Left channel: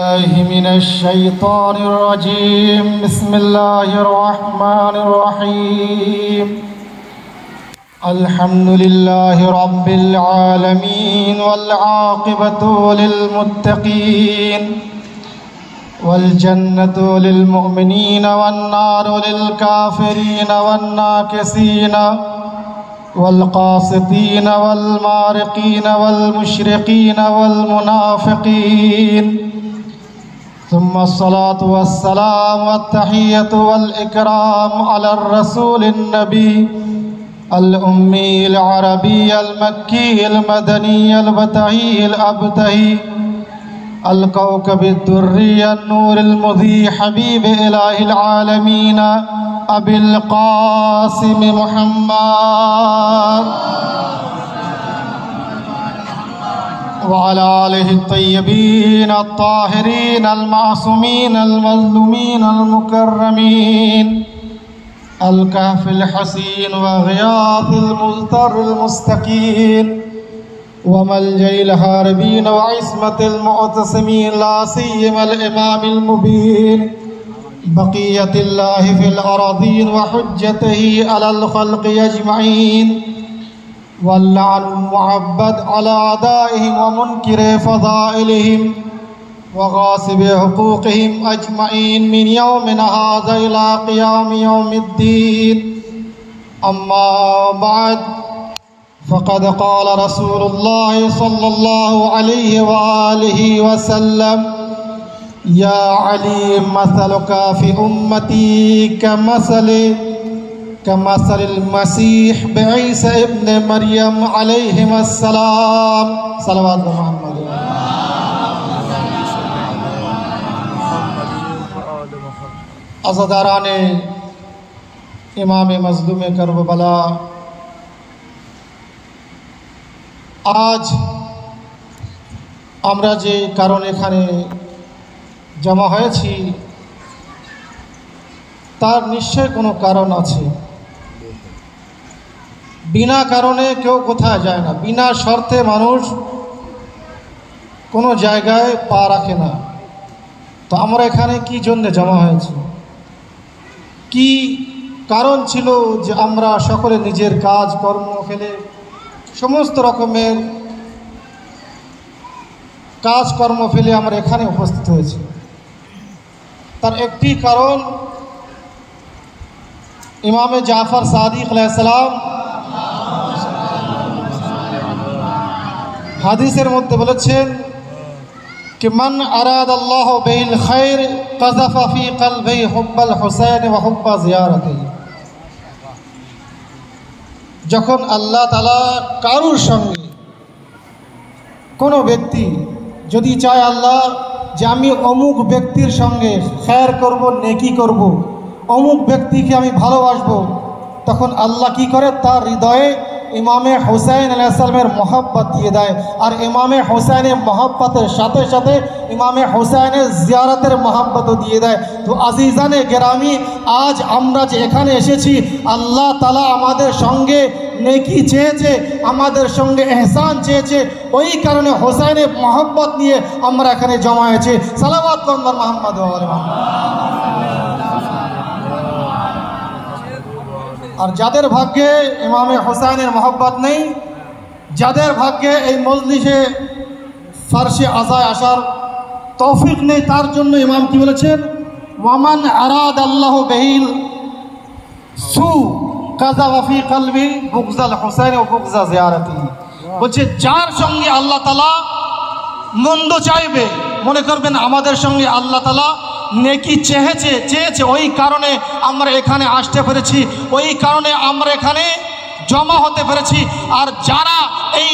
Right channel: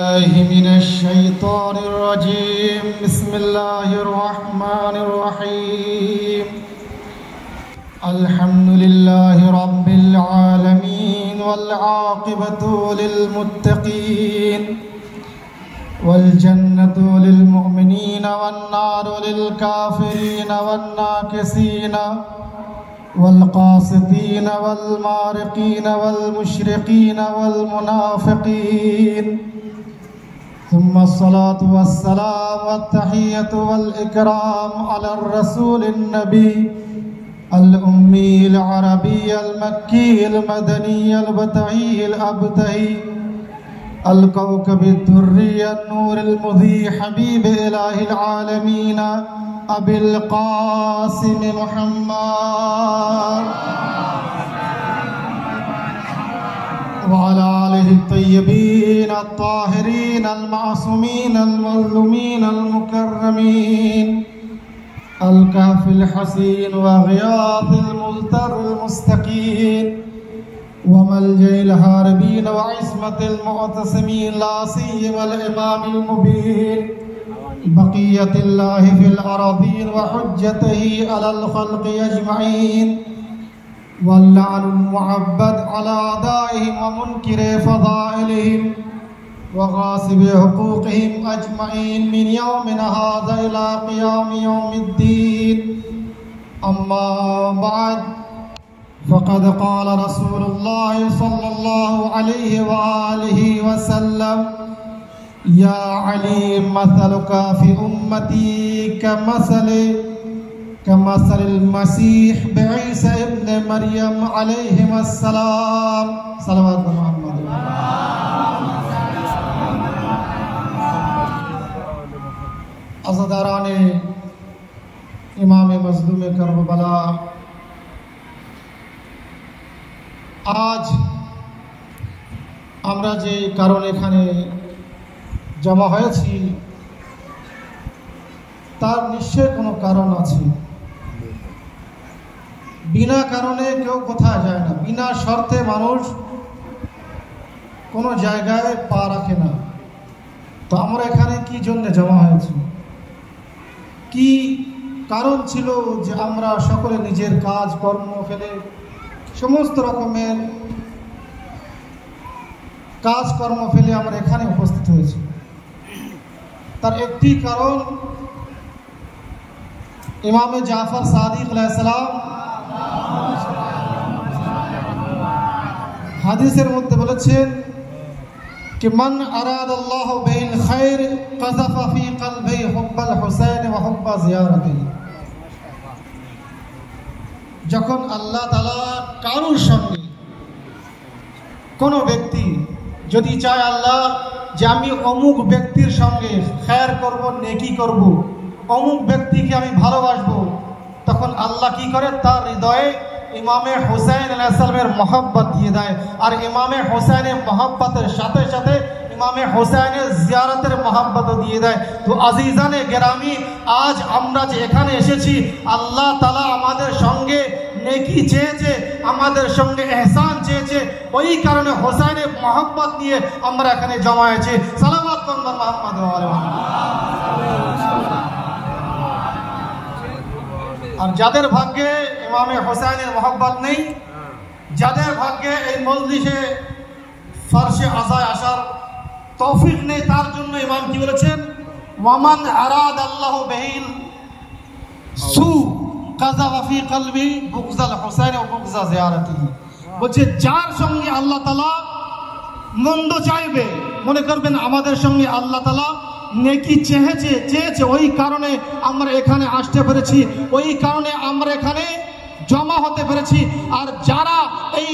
الله من الشيطان الرجيم. بسم الله الرحمن الرحيم. الحمد لله رب العالمين والعاقبة للمتقين والجنة للمؤمنين والنار للكافرين والناكسين والقاسطين والمارقين والمشرقين والمنافقين. ثم الصلاة والسلام والتحية والإكرام على الرسول النبي الأمي العربي المكي المدني البتعي الأبتهي الكوكب الدري النور المضيء حبيب إله العالمين أبي القاسم محمد وعلى آله الطيبين الطاهرين المعصومين المظلومين المكرمين الكهف الحسين وغياث المزتر المستكين وملجأ الهاربين وعصمة المعتصمين لا سيما الإمام المبين بقية الله في الأراضين وحجته على الخلق أجمعين واللعن المعبد على أعدائهم ومنكر فضائلهم وغاصب حقوقهم أجمعين من يومنا هذا إلى قيام يوم الدين. أما بعد فقد قال رسول الله صلى الله عليه وآله وسلم يا علي مثلك في أمتي كمثل المسيح بعيسى ابن مريم عليهما السلام. صلوات محمد. আজাদারানে ইমামে মজলুমে কারবালা, আজ আমরা যে কারণ এখানে জমা হয়েছি তার নিশ্চয় কোনো কারণ আছে। বিনা কারণে কেউ কোথায় যায় না, বিনা শর্তে মানুষ কোনো জায়গায় পা রাখে না। তো আমরা এখানে কি জন্য জমা হয়েছি, কি কারণ ছিল যে আমরা সকলে নিজের কাজ কর্ম ফেলে সমস্ত রকমের কাজকর্ম ফেলে আমরা এখানে উপস্থিত হয়েছি? তার একটি কারণ ইমামে জাফর সাদিক আলাইহিস সালাম হাদিসের মধ্যে বলেছেন कि मन अराद अल्लाह बिल खैर क़ज़फ़ फ़ी क़ल्बि हुब्बल हुसैन व हुब्ब ज़ियारति। যখন আল্লাহ তাআলা কারোর সঙ্গে কোনো ব্যক্তি যদি চায় আল্লাহ যে আমি অমুক ব্যক্তির সঙ্গে খৈর করব, নেকি করব, অমুক ব্যক্তিকে আমি ভালোবাসবো, তখন আল্লাহ কি করে তার হৃদয়ে ইমামে হুসাইন আলাইহিস সালামের মহব্বত দিয়ে দেয়। আর ইমামে হুসাইনের মহব্বতের সাথে সাথে ইমামে হুসাইনের জিয়ারতের মহব্বতও দিয়ে দেয়। তো আজিজানে গেরামি, আজ আমরা যে এখানে এসেছি আল্লাহ তাআলা আমাদের সঙ্গে নেকি চেয়েছে, আমাদের সঙ্গে এহসান চেয়েছে, ওই কারণে হুসাইনের মহব্বত নিয়ে আমরা এখানে জমা হয়েছি। সালাওয়াত বন্দর মুহাম্মদ ওয়া আলি মুহাম্মদ। আর যাদের ভাগ্যে ইমামে হুসাইনের মহব্বত নেই, যাদের ভাগ্যে এই মজলিসে ফারশে আজায় আসার তৌফিক নেই, তার জন্য ইমাম কি বলেছেন, ওয়ামান আরাদ আল্লাহ বিহিল সু কাযাফ ফি কলবি বুগজাল হুসাইন ও বুগজা জিয়ারতি। বলছে যার সঙ্গে আল্লাহ তাআলা মন্দ চাইবে, মনে করবেন আমাদের সঙ্গে আল্লাহ তাআলা নেকি চেয়েছে, ওই কারণে আমরা এখানে আসতে পেরেছি, ওই কারণে আমরা এখানে জমা হতে পেরেছি। আর যারা এই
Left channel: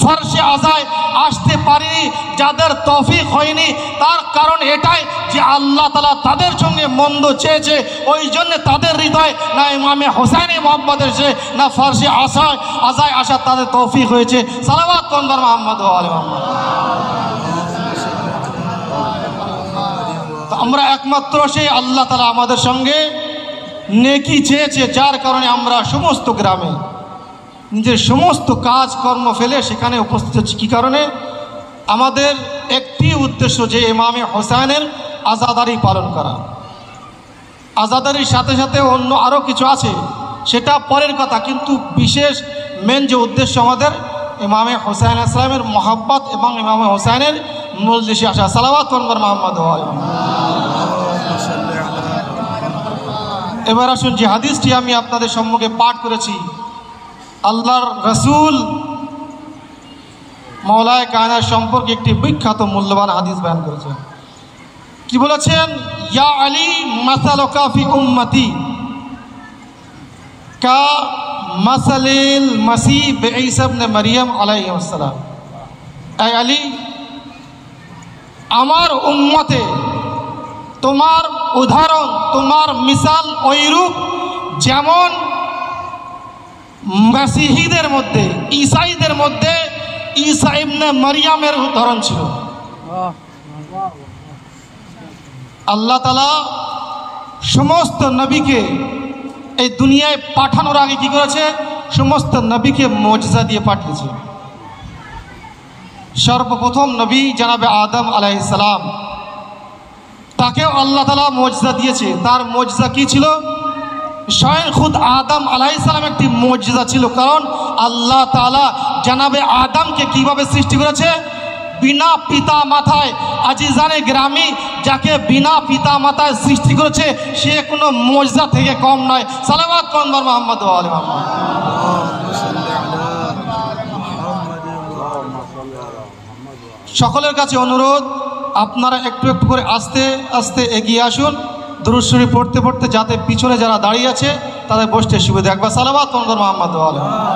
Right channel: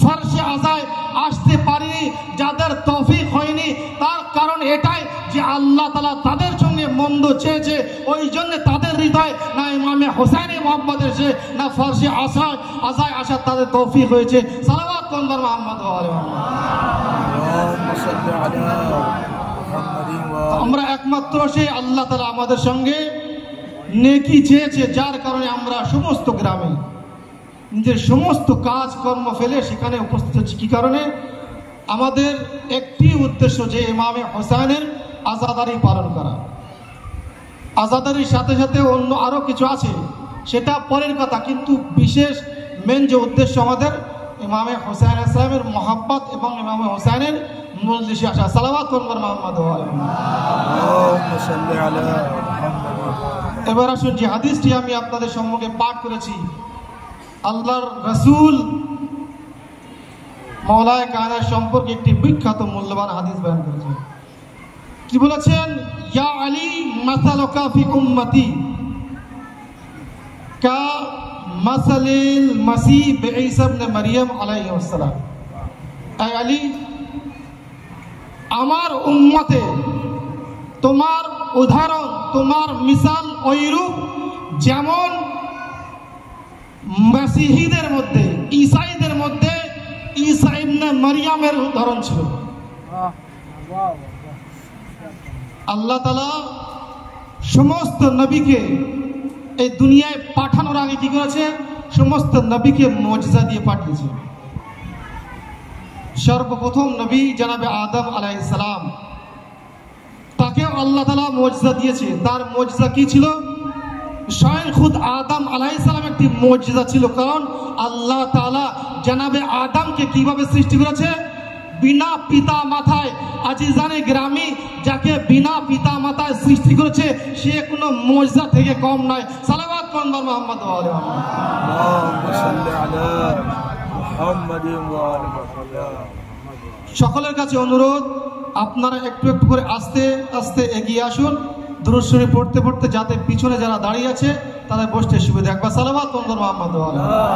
ফারশে আজায় আসতে পারেনি, যাদের তৌফিক হয়নি, তার কারণ এটাই যে আল্লাহ তাআলা তাদের সঙ্গে মন্দ চেয়েছে, ওই জন্য তাদের হৃদয় না ইমামে হুসাইনের মহব্বত এসেছে, না ফারশে আজায় আসার তাদের তৌফিক হয়েছে। সালাওয়াত বন্দর মুহাম্মদ ওয়া আলি মুহাম্মদ। আমরা একমাত্র সেই আল্লাহ তাআলা আমাদের সঙ্গে নেকি চেয়েছে, যার কারণে আমরা সমস্ত গ্রামে নিজের সমস্ত কাজকর্ম ফেলে সেখানে উপস্থিত হচ্ছে। কী কারণে? আমাদের একটি উদ্দেশ্য যে ইমামে হোসেনের আজাদারি পালন করা। আজাদারির সাথে সাথে অন্য আরও কিছু আছে, সেটা পরের কথা, কিন্তু বিশেষ মেন যে উদ্দেশ্য আমাদের ইমামে হোসেন ইসলামের মহাব্বত এবং ইমামে হোসেনের মজলিসে আসা। সালাওয়াত করবেন মুহাম্মদ। এবার আসুন, যে হাদিসটি আমি আপনাদের সম্মুখে পাঠ করেছি, আল্লাহর রসুল মওলায়ে কায়নাত সম্পর্কে একটি বিখ্যাত মূল্যবান হাদিস বয়ান করেছেন। কি বলেছেন? ইয়া আলী মাসালুকা ফি উম্মতি কা মাসালিল মাসীহ ঈসা ইবনে মারইয়াম আলাইহিস সালাম। এ আলী, আমার উম্মতে তোমার উদাহরণ, তোমার মিসাল ওইরূপ যেমন মাসিহীদের মধ্যে, ঈসাইদের মধ্যে ঈসা ইবনে মারইয়ামের উদাহরণ ছিল। আল্লাহ তাআলা সমস্ত নবীকে এই দুনিয়ায় পাঠানোর আগে কি করেছে? সমস্ত নবীকে মুজিজা দিয়ে পাঠিয়েছে। সর্বপ্রথম নবী জনাবে আদম আলাইহিস সালাম, তাকেও আল্লাহ তাআলা মুজিজা দিয়েছে। তার মুজিজা কি ছিল? স্বয়ং খুদ আদম আলাইহিস সালাম একটি মুজিজা ছিল, কারণ আল্লাহ তাআলা জনাবে আদমকে কিভাবে সৃষ্টি করেছে? বিনা পিতা মাতায়। আজিজানে গ্রামী, যাকে বিনা পিতা মাতায় সৃষ্টি করেছে সে কোনো মুজিজা থেকে কম নয়। সালাওয়াত করবেন মুহাম্মদ ওয়া আলি মুহাম্মদ। সকলের কাছে অনুরোধ, আপনারা একটু একটু করে আস্তে আস্তে এগিয়ে আসুন, দুরূদ শরীফ পড়তে পড়তে, যাতে পিছনে যারা দাঁড়িয়ে আছে তাদের বসতে সুবিধা। একবার সালাওয়াত করবেন মুহাম্মদ ওয়া আলি মুহাম্মদ।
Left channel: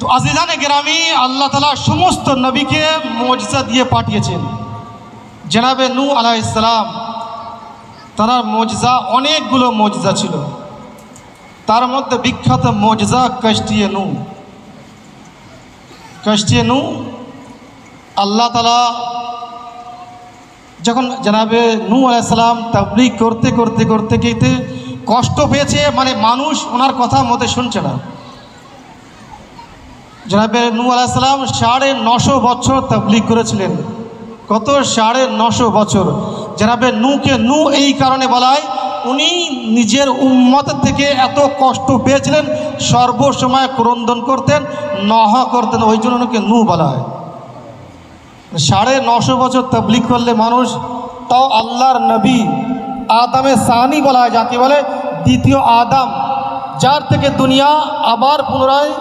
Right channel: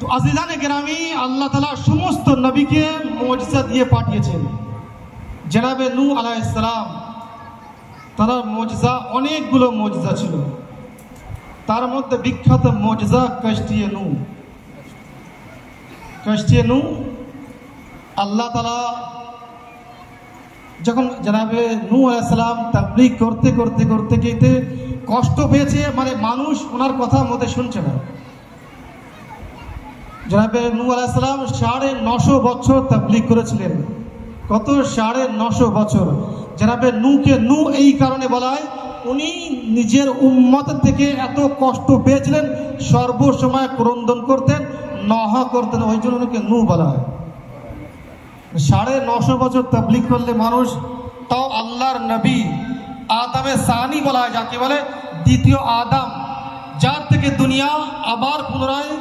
তো আজিজানে গ্রামী, আল্লাহ তাআলা সমস্ত নবীকে মুজিজা দিয়ে পাঠিয়েছেন। জনাবে নূহ আলাইহিস সালাম, তার মুজিজা অনেকগুলো মুজিজা ছিল, তার মধ্যে বিখ্যাত মুজিজা কশতিয়ে নূহ। কশতিয়ে নূহ, আল্লাহ তাআলা যখন জনাবে নূহ আলাইহিস সালাম তাবলীগ করতে করতে করতে করতে কষ্ট পেয়েছে, মানে মানুষ ওনার কথা মতে শুনছে না। জনাবে নূহ আলাইহিস সালাম 950 বছর তাবলীগ করেছিলেন। কত? 950 বছর। জনাবে নূহকে নূহ এই কারণে বলা হয়, উনি নিজের উম্মত থেকে এত কষ্ট পেয়েছিলেন, সর্বসময় ক্রন্দন করতেন, নহ করতেন, ওই জন্য ওনাকে নূহ বলা হয়। 950 বছর তাবলীগ করলে মানুষ, তাও আল্লাহর নবী আদমে সানি বলা হয়, যাকে বলে দ্বিতীয় আদম, যার থেকে দুনিয়া আবার পুনরায়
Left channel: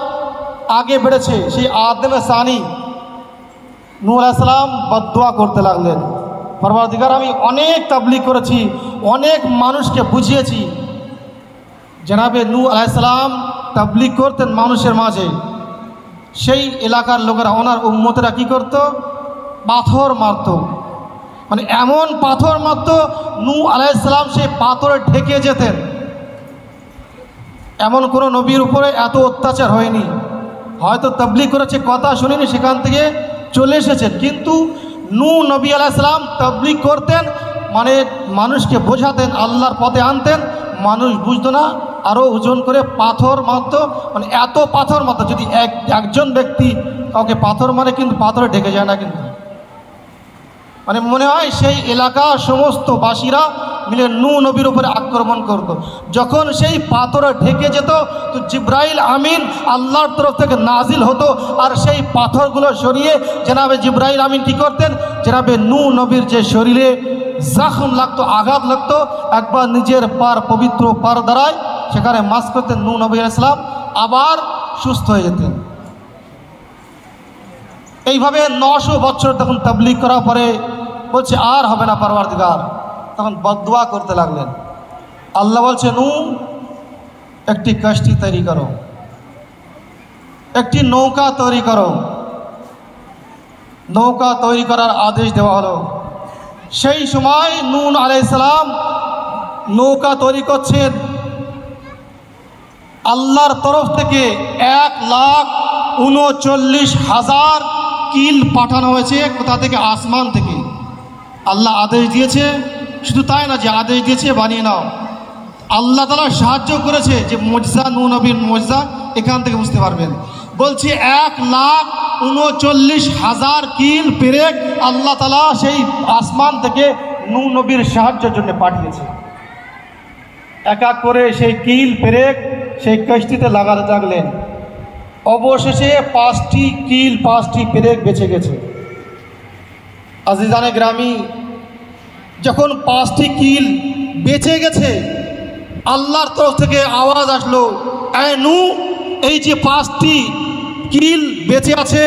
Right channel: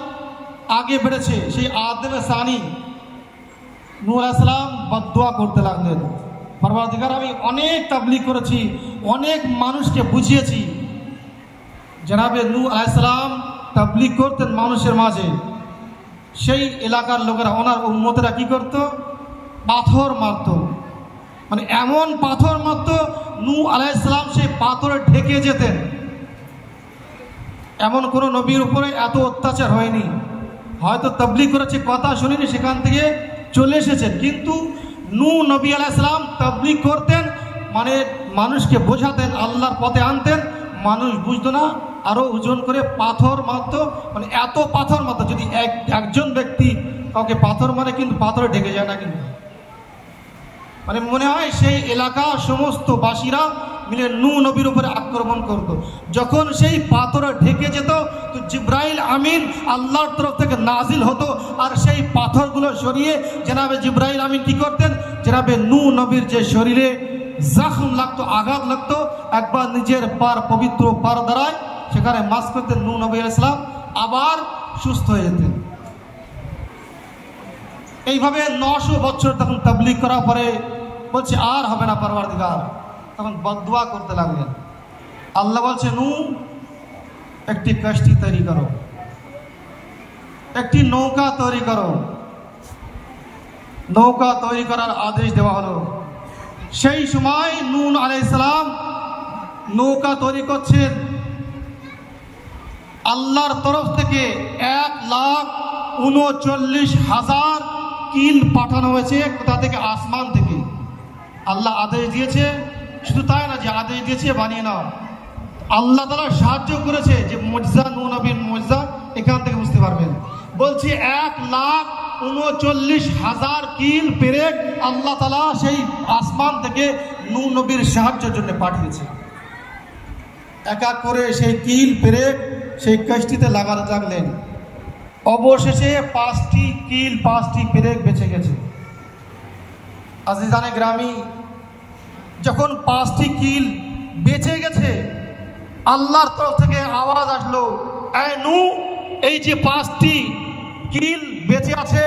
আগে বেড়েছে, সেই আদমে সানি নূহ আলাইহিস সালাম বদদুয়া করতে লাগলেন, পরওয়ারদিগার আমি অনেক তাবলীগ করেছি, অনেক মানুষকে বুঝিয়েছি। জনাবে নূহ আলাইহিস সালাম তাবলীগ করতেন মানুষের মাঝে, সেই এলাকার লোকেরা, ওনার উম্মতেরা কি করত? পাথর মারত, মানে এমন পাথর মারত, নূহ আলাইহিস সালাম সেই পাথরে ঢেকে যেতেন। এমন কোনো নবীর উপরে এত অত্যাচার হয়নি। হয়তো তাবলীগ করেছে, কথা শুনেনি, সেখান থেকে চলে এসেছেন, কিন্তু নূহ নবী আলাইহিস সালাম তাবলীগ করতেন, মানে মানুষকে বোঝাতেন, আল্লাহর পথে আনতেন, মানুষ বুঝতো না, আরও ওজন করে পাথর মারত, মানে এত পাথর মারত, যদি একজন ব্যক্তি কাউকে পাথর মারে কিন্তু পাথরে ঢেকে যায় না, কিন্তু মানে মনে হয় সেই এলাকার সমস্ত বাসীরা মিলে নূহ নবীর উপরে আক্রমণ করত। যখন সেই পাথরে ঢেকে যেত, তো জিবরাইল আমিন আল্লাহর তরফ থেকে নাজিল হতো, আর সেই পাথরগুলো সরিয়ে জনাবে জিবরাইল আমিন কি করতেন? জনাবে নূহ নবীর যে শরীরে জখম লাগতো, আঘাত লাগতো, একবার নিজের পার, পবিত্র পার দ্বারায় সেখানে মাস করতেন, নূহ নবী আলাইহিস সালাম আবার সুস্থ হয়ে যেতেন। এইভাবে 900 বছর তখন তাবলীগ করার পরে বলছে আর হবে না পরওয়ারদিগার, তখন বদদুয়া করতে লাগলেন। আল্লাহ বলছে, নূহ একটি কশতি তৈরি করো, একটি নৌকা তৈরি করো। নৌকা তৈরি করার আদেশ দেওয়া হলো। সেই সময় নূহ আলাইহিস সালাম নৌকা তৈরি করছেন, আল্লাহর তরফ থেকে 1,39,000 কিল পাঠানো হয়েছে। কোথা থেকে? আসমান থেকে। আল্লাহ আদেশ দিয়েছে, শুধু তাই না যে আদেশ দিয়েছে বানিয়ে নাও, আল্লাহ তাআলা সাহায্য করেছে, যে মুজিজা, নূহ নবীর মুজিজা এখান থেকে বুঝতে পারবেন। বলছি 1,39,000 কিল পেরেক আল্লাহ তাআলা সেই আসমান থেকে নূহ নবীর সাহায্যের জন্য পাঠিয়েছে। এক এক করে সেই কিল পেরেক সেই কষ্টিতে লাগাতে লাগলেন। অবশেষে 5টি কিল 5টি পেরেক বেঁচে গেছে। আজিজানে গ্রামী, যখন 5টি কিল বেঁচে গেছে আল্লাহর তরফ থেকে আওয়াজ আসলো, এ নূহ, এই যে 5টি কিল বেঁচে আছে,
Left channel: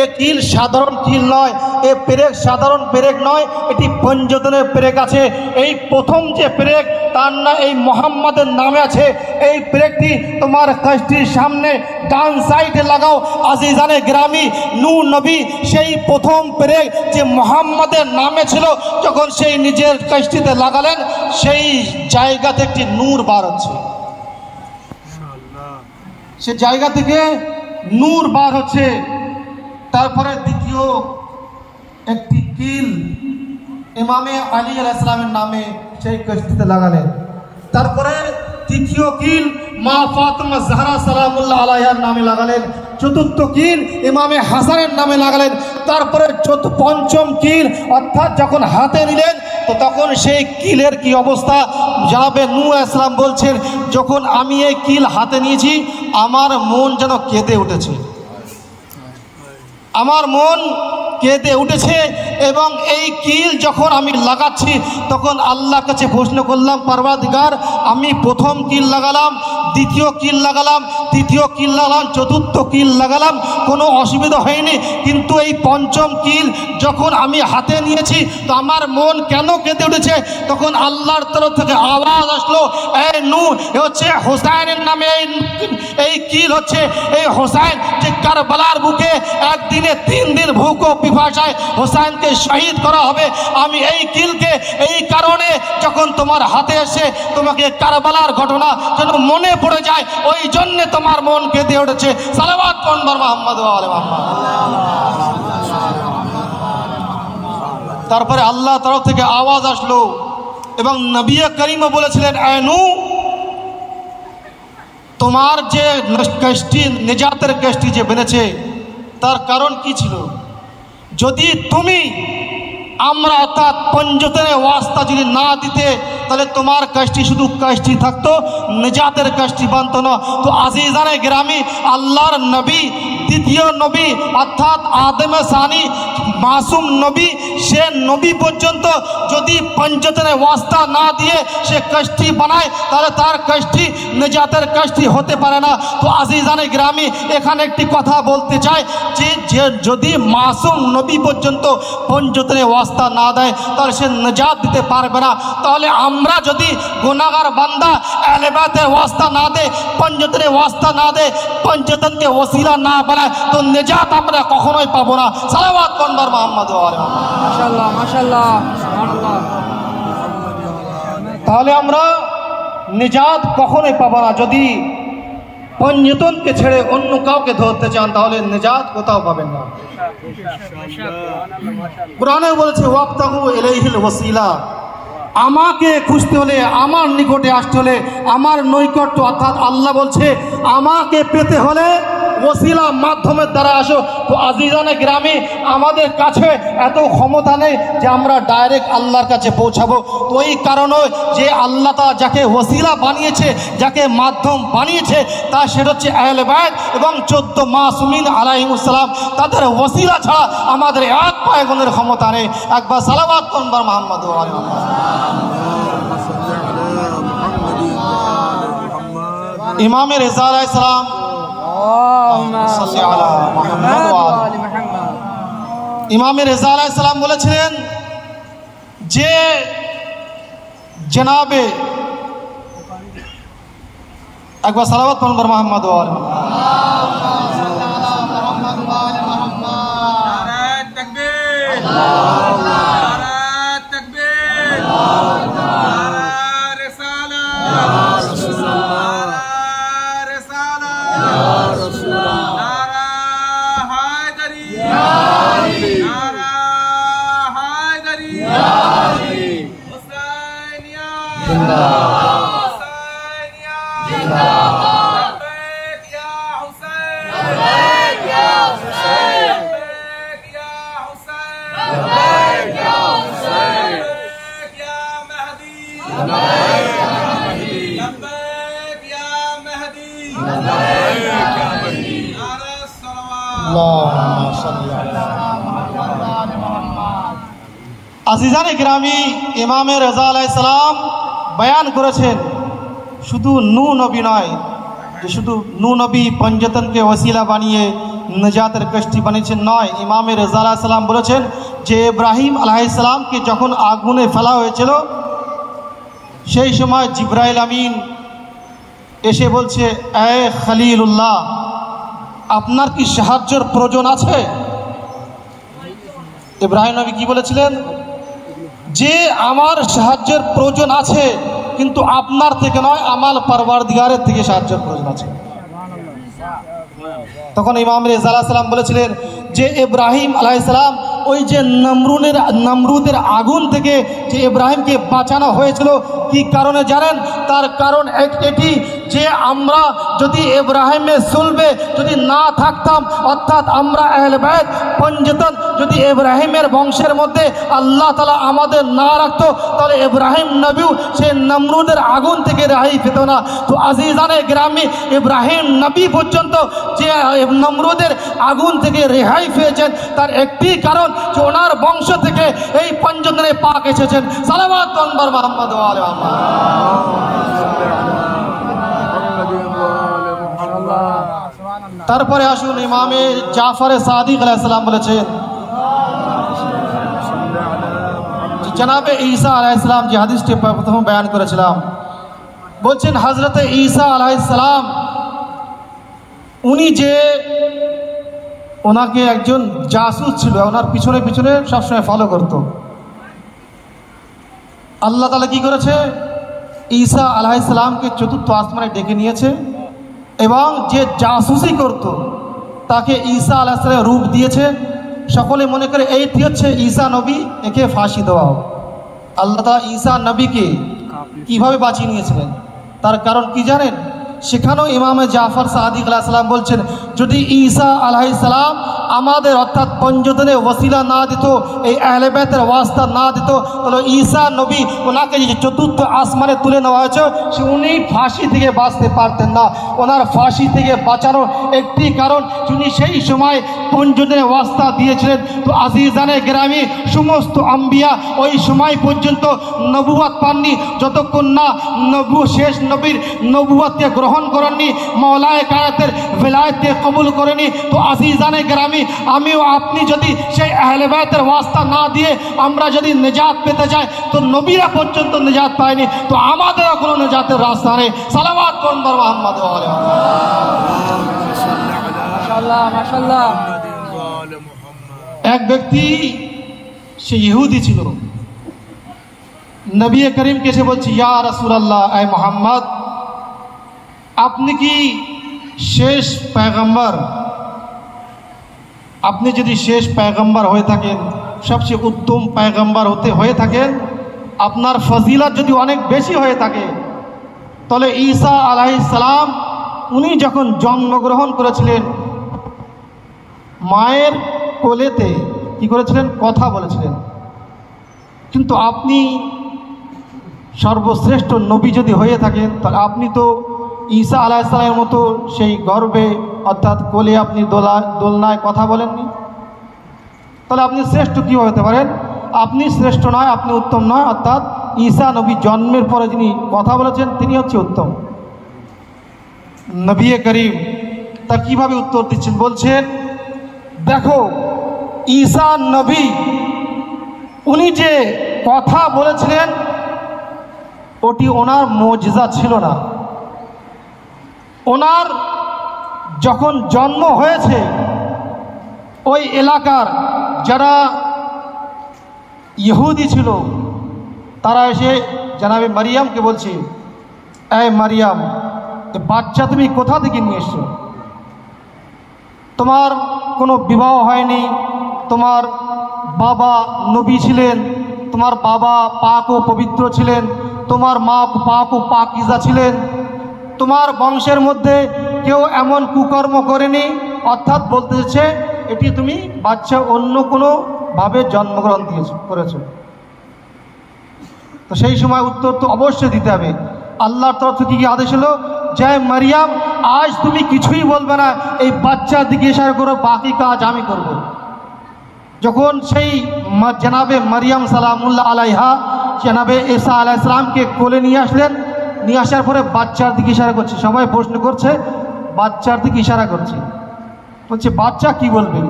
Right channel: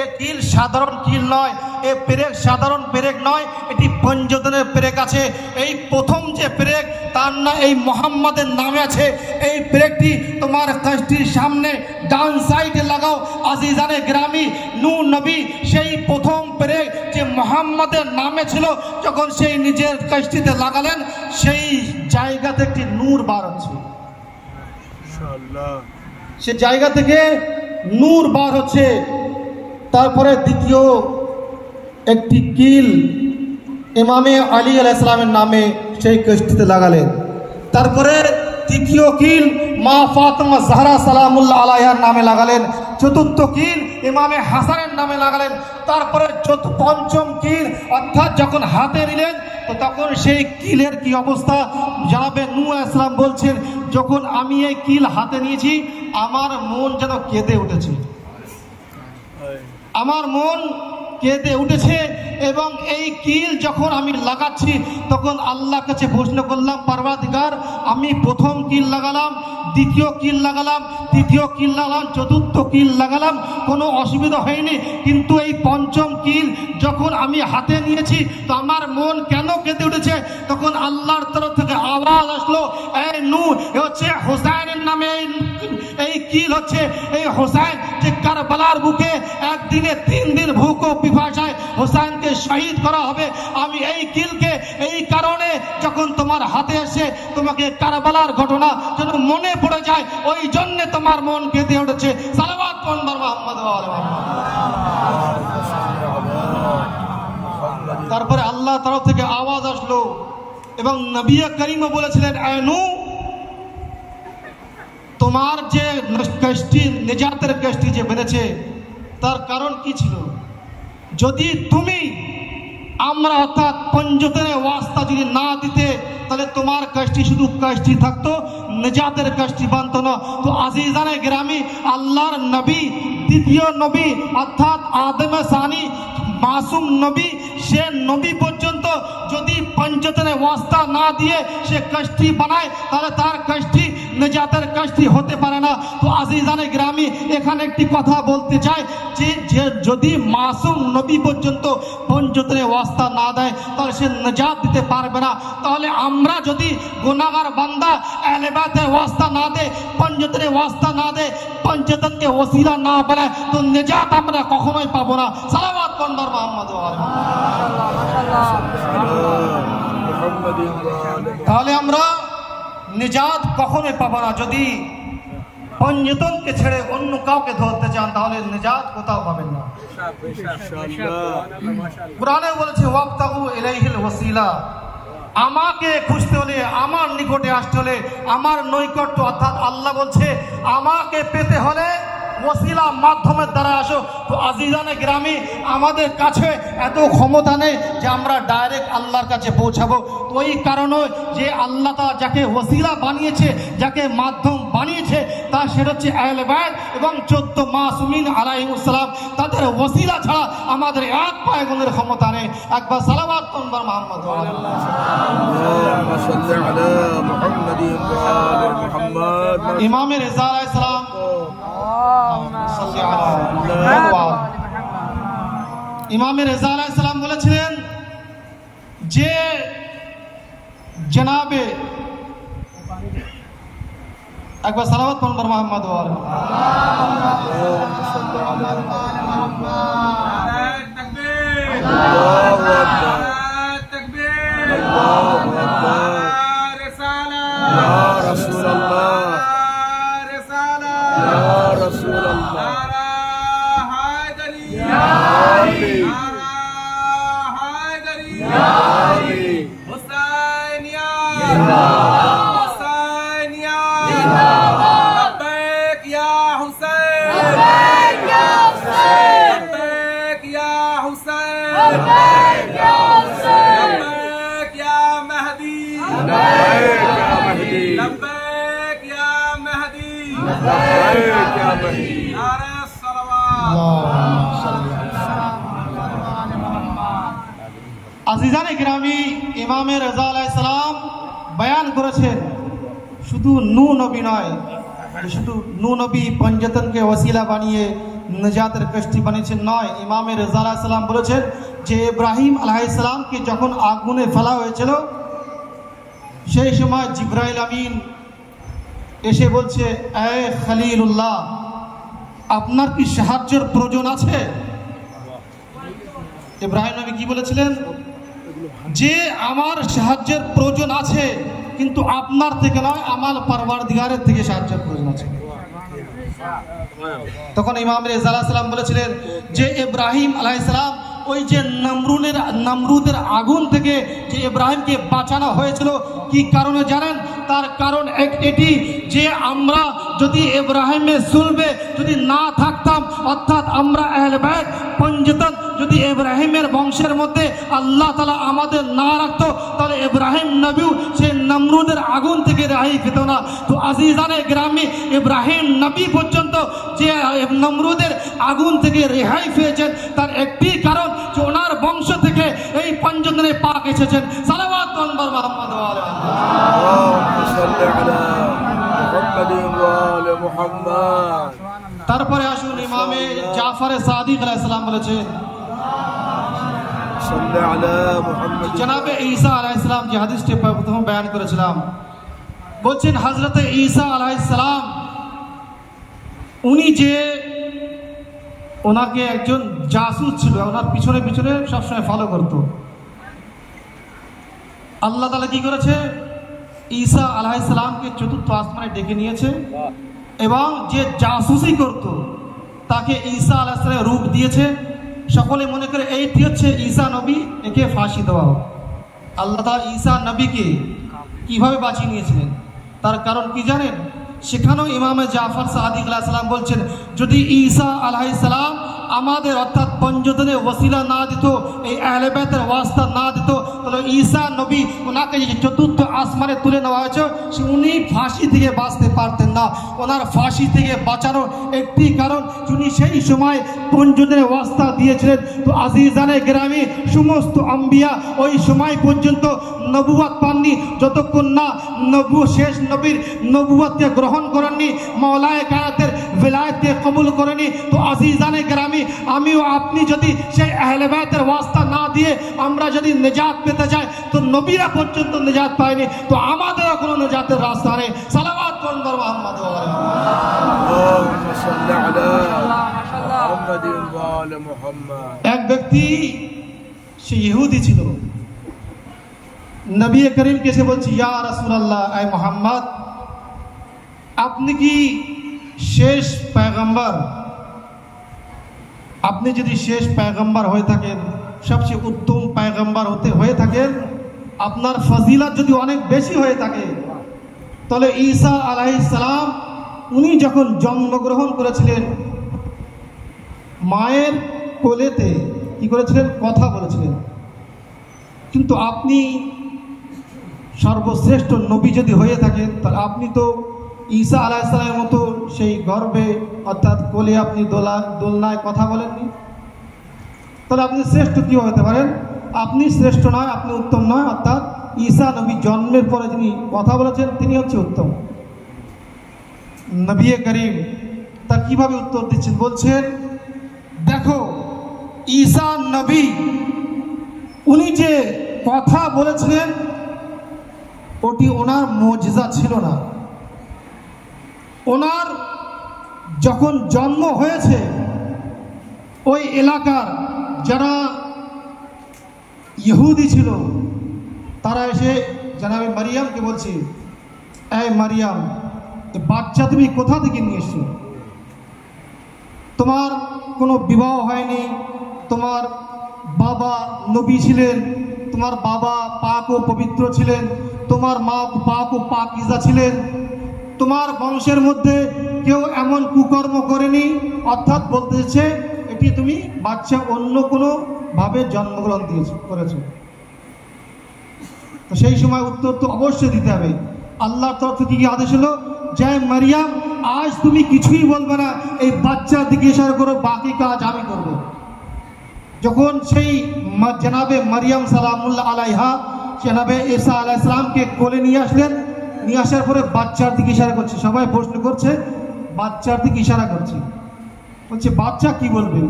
এ কিল সাধারণ কিল নয়, এ পেরেক সাধারণ পেরেক নয়, এটি পঞ্চতনের পেরেক আছে। এই প্রথম যে পেরেক তার না এই মোহাম্মদের নামে আছে। এই পেরেকটি তোমার কষ্টির সামনে ডান সাইডে লাগাও। আজিজানে গ্রামী, নূহ নবী সেই প্রথম পেরেক যে মোহাম্মদের নামে ছিল, যখন সেই নিজের কষ্টিতে লাগালেন সেই জায়গাতে একটি নূর বার হচ্ছে। সে জায়গা থেকে নূর বার হচ্ছে। তারপরে দ্বিতীয় একটি কিল ইমামে আলী আলাইহিস সালামের নামে সেই কষ্টিতে লাগালেন। তারপরে তৃতীয় কিল মা ফাতেমা জাহরা সালামুল্লাহ আলাইহার নামে লাগালেন। চতুর্থ কিল ইমামে হাসানের নামে লাগালেন। তারপরে পঞ্চম কিল অর্থাৎ যখন হাতে নিলেন তো তখন সেই কিলের কি অবস্থা জানাবে নূহ আলাইহিস সালাম বলছেন, যখন আমি এই কিল হাতে নিয়েছি আমার মন যেন কেঁদে উঠেছে, আমার মন কেঁদে উঠেছে। এবং এই কিল যখন আমি লাগাচ্ছি তখন আল্লাহর কাছে প্রশ্ন করলাম, পরওয়ারদিগার, আমি প্রথম কিল লাগালাম, দ্বিতীয় কিল লাগালাম, তৃতীয় কিল লাগালাম, চতুর্থ কিল লাগালাম, কোনো অসুবিধা হয়নি, কিন্তু এই পঞ্চম কিল যখন আমি হাতে নিয়েছি তো আমার মন কেন কেঁদে উঠেছে? তখন আল্লাহর তরফ থেকে আওয়াজ আসলো, এই নূহ, এ হচ্ছে হোসাইনের নামে এই কিল হচ্ছে। এই হোসাইন যে কারবালার বুকে একদিনে 3 দিন ভুক ও পিপাসায় হোসাইনকে শহীদ করা হবে, আমি এই কিলকে এই কারণে যখন তোমার হাতে এসে তোমাকে কারবালার ঘটনা যেন মনে পড়ে যায়, ওই জন্য তোমার মন কেঁদে উঠেছে। সালাওয়াত পড়ুন মুহাম্মদ ওয়া আলি মুহাম্মদ। তারপরে আল্লাহ তরফ থেকে আওয়াজ আসলো এবং নবী করিমও বলেছিলেন, এ নূহ, তোমার যে কষ্টি, নিজাতের কষ্টি যে বেড়েছে তার কারণ কি ছিল? যদি তুমি আমরা অর্থাৎ পঞ্চতনে ওয়াস্তা যদি না দিতে তাহলে তোমার কষ্টি শুধু কষ্টি থাকতো, নিজাতের কষ্টি বানতো না। তো আজিজানে গ্রামী, আল্লাহর নবী, দ্বিতীয় নবী অর্থাৎ আদমে সানি মাসুম নবী, সে নবী পর্যন্ত যদি পঞ্চতনে ওয়াস্তা না দিয়ে সে কষ্টি বানায় তাহলে তার কষ্টি নিজাতের কষ্টি হতে পারে না। তো আজিজানে গ্রামী, এখানে একটি কথা বলতে চাই যে যদি মাসুম নবী পর্যন্ত পঞ্চতনে ওয়াস্তা না দেয় তাহলে সে নিজাত দিতে পারবে না। তাহলে আমরা যদি গুনাহগার বান্দা আহলে বাইতের ওয়াস্তা না দে, পঞ্চতনে ওয়াস্তা না দে, পঞ্চতনকে ওসিলা না বানায় তো নিজাত আমরা কখনোই পাবো না। সালাওয়াত পড়ুন মুহাম্মদ ওয়া আলি মুহাম্মদ। মাশাআল্লাহ, মাশাআল্লাহ। তাহলে আমরা নিজাত কখনোই পাবো না। যদি পঞ্চতনকে ছেড়ে অন্য কাউকে ধরতে চান তাহলে নিজাত কোথাও পাবেন না। কোরআনে বলেছে, ওয়াবতাগু ইলাইহিল ওয়াসিলা, আমাকে খুঁজতে হলে, আমার নিকটে আসতে হলে, আমার নৈকট্য অর্থাৎ আল্লাহ বলছে আমাকে পেতে হলে ওসিলা মাধ্যমের দ্বারা আসো। তো আজিজানে গ্রামে আমাদের কাছে এত ক্ষমতা নেই যে আমরা ডাইরেক্ট আল্লাহর কাছে পৌঁছাবো। তো এই কারণে যে আল্লাহ তা যাকে ওসিলা বানিয়েছে, যাকে মাধ্যম বানিয়েছে, তা সেটা হচ্ছে আহলে বাইত এবং 14 মাসুমিন আলাইহিমুস সালাম। তাদের ওসিলা ছাড়া আমাদের এক পায়গনের ক্ষমতা নেই। একবার সালাওয়াত পড়ুন মুহাম্মদ ওয়া আলি মুহাম্মদ। ইমামে রেজা আলাইহিস সালাম ইমামে রেজা আলাইহিস সালাম বলেছিলেন যে জনাবে, একবার সালাওয়াত পড়ুন মুহাম্মদ ওয়া আলি মুহাম্মদ। নারায়ে তাকবীর, নারায়ে তাকবীর, নারায়ে রিসালাত, নারায়ে রিসালাত, আজিজানে গ্রামী ইমামে রেজা আলাইহিস সালাম বয়ান করেছেন শুধু নূ নবী নয়, যে শুধু নূ নবী পঞ্জতনকে ওসিলা বানিয়ে নজাতের কষ্টি বানিয়েছেন নয়। ইমামে রেজা আলাইহিস সালাম বলেছেন যে ইব্রাহিম আলাইহিস সালামকে যখন আগুনে ফেলা হয়েছিল সেই সময় জিবরাইল আমিন এসে বলছে, এ খলিলুল্লাহ, আপনার কি সাহায্যের প্রয়োজন আছে? ইব্রাহিম নবী কি বলেছিলেন? যে আমার সাহায্যের প্রয়োজন আছে, কিন্তু আপনার থেকে নয়, আমার পরওয়ারদিগারের থেকে সাহায্যের প্রয়োজন আছে। তখন ইমাম রেজা আলাইহিস সালাম বলেছিলেন যে ইব্রাহিম আলাইহিস সালাম ওই যে নমরুদের আগুন থেকে যে ইব্রাহিমকে বাঁচানো হয়েছিল কি কারণে জানেন? তার কারণ এটি যে আমরা যদি ইব্রাহিমের সুলবে যদি না থাকতাম, অর্থাৎ আমরা আহলে বাইত পঞ্জতন যদি ইব্রাহিমের বংশের মধ্যে আল্লাহ তাআলা আমাদের না রাখতো, তাহলে ইব্রাহিম নবীও সেই নমরুদের আগুন থেকে রেহাই পেত না। তো আজিজানে গ্রামী ইব্রাহিম নবী পর্যন্ত যে নমরুদের আগুন থেকে রেহাই পেয়েছেন তার একটি কারণ যে ওনার বংশ থেকে এই পঞ্জতনে পাক এসেছেন। সালাওয়াত আনবার মুহাম্মদ ওয়া আলি মুহাম্মদ। তারপরে আসুন ইমামে জাফর সাদিক আলাইহিস সালাম বলেছেন, জনাবে ঈসা আলাইহিস সালাম যে হাদিসটি প্রথম বয়ান করেছিলাম, বলছেন হযরতে ঈসা আলাইহিস সালাম উনি যে ওনাকে একজন জাসুস ছিল, ওনার পিছনে পিছনে সবসময় ফলো করত। আল্লাহ তাআলা কি করেছে? ঈসা আলাইহিস সালামকে চতুর্থ আসমানে ডেকে নিয়েছে এবং যে জাসুসি করত তাকে ঈসা আলাইহিস সালাম রূপ দিয়েছে। সকলে মনে করে এইটি হচ্ছে ঈসা নবী, একে ফাঁসি দেওয়া হোক। আল্লাহ তাআলা ঈসা নবীকে কিভাবে বাঁচিয়ে নিয়েছিলেন তার কারণ কি জানেন? সেখানেও ইমামে জাফর সাদিক আলাইহিস সালাম বলছেন, যদি ঈসা আলাইহিস সালাম আমাদের অর্থাৎ পঞ্জতনে ওসিলা না দিত, এই আহলে বাইতের ওয়াস্তা না দিত, তাহলে ঈসা নবী ওনাকে যে চতুর্থ আসমানে তুলে নেওয়া হয়েছে সে উনি ফাঁসি থেকে বাঁচতে পারতেন না। ওনার ফাঁসি থেকে বাঁচানোর একটি কারণ উনি সেই সময় পঞ্জতনে ওয়াস্তা দিয়েছিলেন। তো আজিজানে গ্রামী সমস্ত আম্বিয়া ওই সময় পর্যন্ত নবুয়ত পাননি যতক্ষণ না শেষ নবীর নবুয়তকে গ্রহণ করেননি, মওলায়ে কায়নাতের ভিলায়াতকে কবুল করেনি। তো আজিজানে গ্রামী আমিও আপনি যদি সেই আহলে বাইতের ওয়াস্তা না দিয়ে আমরা যদি নিজাত পেতে চাই, তো নবীরা পর্যন্ত নিজাত পায়নি, তো আমাদেরও কোনো নিজাতের রাস্তা নেই। সালাওয়াত আনবার মুহাম্মদ ওয়া আলি মুহাম্মদ। এক ব্যক্তি সে ইহুদি ছিল, নবী করিমকে এসে বলছে, ইয়া রাসূলুল্লাহ, আয় মুহাম্মদ, আপনি কি শেষ পয়গম্বর? আপনি যদি শেষ পয়গম্বর হয়ে থাকেন, সবচেয়ে উত্তম পয়গম্বর হয়ে থাকেন, আপনার ফজিলত যদি অনেক বেশি হয়ে থাকে, তাহলে ঈসা আলাইহিস সালাম উনি যখন জন্মগ্রহণ করেছিলেন মায়ের কোলেতে কি করেছিলেন? কথা বলেছিলেন। কিন্তু আপনি সর্বশ্রেষ্ঠ নবী যদি হয়ে থাকেন, তাহলে আপনি তো ঈসা আলাইহিস সালামের মতো সেই গর্বে অর্থাৎ কোলে আপনি দোলনায় কথা বলেননি, তাহলে আপনি শ্রেষ্ঠ কীভাবে হতে পারেন? আপনি শ্রেষ্ঠ নয়, আপনি উত্তম নয়, অর্থাৎ ঈসা নবী জন্মের পরে যিনি কথা বলেছেন তিনি হচ্ছে উত্তম। নবী করিম তা কিভাবে উত্তর দিচ্ছেন? বলছেন, দেখো ঈসা নবী উনি যে কথা বলেছিলেন ওটি ওনার মুজিজা ছিল না। ওনার যখন জন্ম হয়েছে ওই এলাকার যারা ইহুদি ছিল তারা এসে জনাবে মারিয়ামকে বলছে, এই মারিয়াম, বাচ্চা তুমি কোথা থেকে নিয়ে এসছো? তোমার কোনো বিবাহ হয়নি, তোমার বাবা নবী ছিলেন, তোমার বাবা পাক ও পবিত্র ছিলেন, তোমার মা পাক ও পাকিজা ছিলেন, তোমার বংশের মধ্যে কেউ এমন কুকর্ম করেনি। অর্থাৎ বলতে চাইছে এটি তুমি বাচ্চা অন্য কোনোভাবে জন্মগ্রহণ করেছো। তো সেই সময় উত্তর তো অবশ্যই দিতে হবে। আল্লাহর তরফ থেকে কি আদেশ হলো, যে মারিয়াম আজ তুমি কিছুই বলবে না, এই বাচ্চার দিকে ইশারা করো, বাকি কাজ আমি করব। যখন সেই জানাবে মারিয়াম সালামুল্লাহ আলাইহা জানাবে ঈসা আলাইহিস সালামকে কোলে নিয়ে আসলেন, নিয়ে আসার পরে বাচ্চার দিকে ইশারা করছে। সবাই প্রশ্ন করছে, বাচ্চার দিকে ইশারা করছে, বলছে বাচ্চা কি বলবে,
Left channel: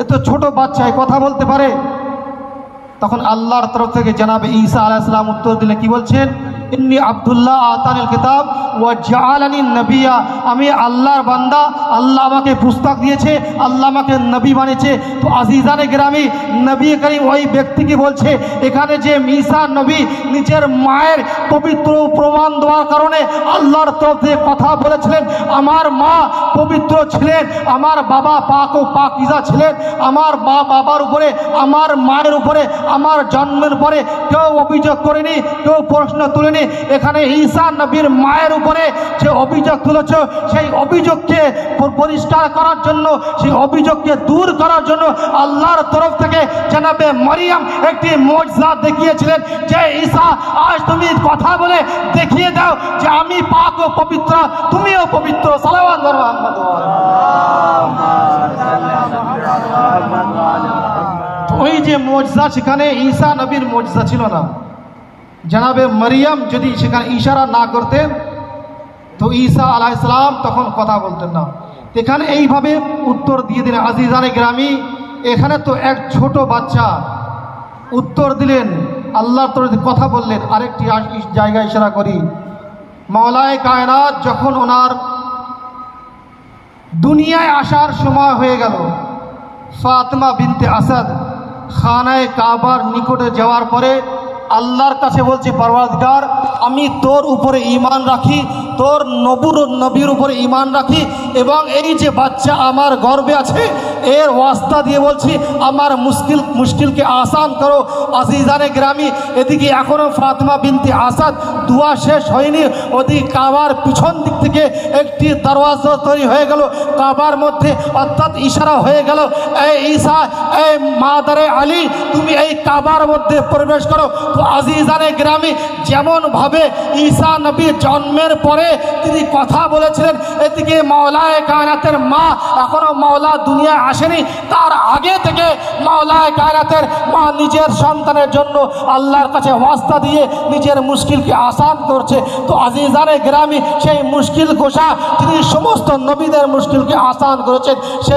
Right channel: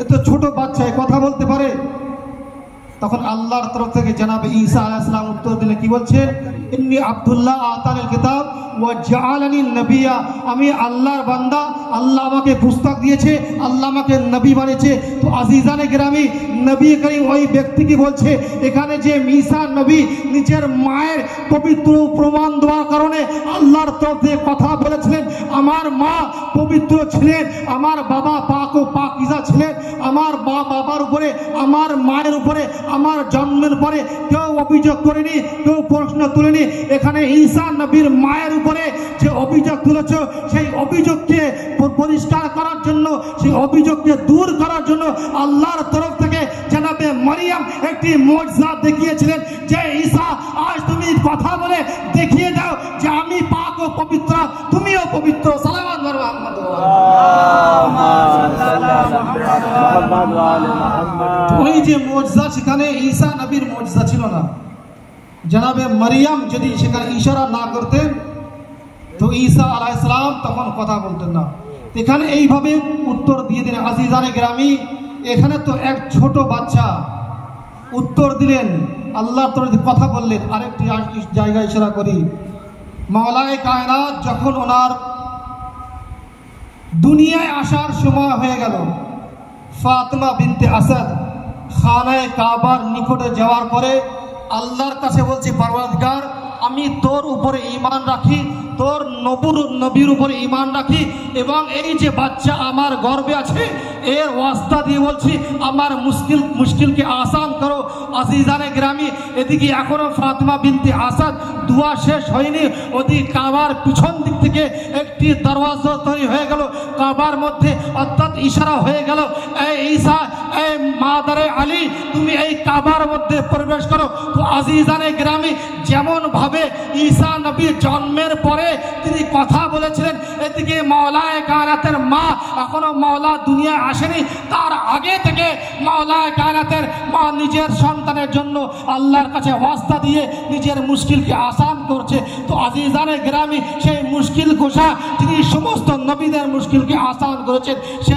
এ তো ছোট বাচ্চা, এ কথা বলতে পারে। তখন আল্লাহর তরফ থেকে জানাবে ঈসা আলাইহিস সালাম উত্তর দিলে কি বলছেন, ইন্নী আব্দুল্লাহ আতানিল কিতাব ওয়া জাআলানি নবিয়্যা, আমি আল্লাহর বান্দা, আল্লাহ আমাকে পুস্তক দিয়েছে, আল্লাহ আমাকে নবী বানিয়েছে। তো আজিজানে গ্রামী, নবী করিম ওই ব্যক্তিকে বলছে এখানে যে ঈসা নবী নিজের মায়ের পবিত্র প্রমাণ দেওয়ার কারণে আল্লাহর তরফ থেকে কথা বলেছিলেন, আমার মা পবিত্র ছিলেন, আমার বাবা পাক ও পাকিজা ছিলেন, আমার বাবার উপরে, আমার মায়ের উপরে, আমার জন্মের পরে কেউ অভিযোগ করেনি, কেউ প্রশ্ন তুলেনি। এখানে ঈসা নবীর মায়ের উপরে যে অভিযোগ তুলেছ, সেই অভিযোগকে পরিষ্কার করার জন্য, সেই অভিযোগকে দূর করার জন্য আল্লাহর তরফ থেকে জানাবে মারিয়াম একটি মুজজা দেখিয়েছিলেন যে ঈসা আজ তুমি কথা বলে দেখিয়ে দাও যে আমি পাক ও পবিত্র, তুমিও পবিত্র। সালাওয়াত মুহাম্মদ ওয়া ওই যে মুজজা, সেখানে ঈসা নবীর মুজজা ছিল না। জানাবে মারিয়াম যদি সেখানে ইশারা না করতেন তো ঈসা আলাইহিস সালাম তখন কথা বলতেন না। এখানে এইভাবে উত্তর দিয়ে দিলেন। আজিজানে গ্রামী, এখানে তো এক ছোট বাচ্চা উত্তর দিলেন, আল্লাহর তরফে কথা বললেন। আরেকটি জায়গায় ইশারা করি, মাওলায়ে কায়নাত যখন ওনার দুনিয়ায় আসার সময় হয়ে গেল, ফাতেমা বিনতে আসাদ খানায়ে কাবার নিকটে যাওয়ার পরে আল্লাহর কাছে বলছে, পরওয়ারদিগার আমি তোর উপরে ঈমান রাখি, তোর নবীর উপরে ঈমান রাখি, এবং এই যে বাচ্চা আমার গর্ভে আছে এর ওয়াস্তা দিয়ে বলছি আমার মুশকিলকে আসান করো। আজিজানে গ্রামী, এদিকে এখনও ফাতেমা বিনতে আসাদ দুয়া শেষ হয়নি, ওদিকে কাবার পিছন দিক থেকে একটি দরওয়াজা তৈরি হয়ে গেল কাবার মধ্যে, অর্থাৎ ইশারা হয়ে গেল, এই ঈসা, এই মাদারে আলী, তুমি এই কাবার মধ্যে প্রবেশ করো। তো আজিজানে গ্রামী, যেমন ভাবে ঈসা নবী জন্মের পরে তিনি কথা বলেছিলেন, এদিকে মাওলায়ে কায়নাতের মা এখনো মাওলা দুনিয়া আসেনি, তার আগে থেকে মাওলায়ে কায়নাতের মা নিজের সন্তানের জন্য আল্লাহর কাছে ওয়াস্তা দিয়ে নিজের মুশকিলকে আসান করছে। তো আজিজানে গ্রামী, সেই মুশকিল গোসা তিনি সমস্ত নবীদের মুশকিলকে আসান করেছেন, সে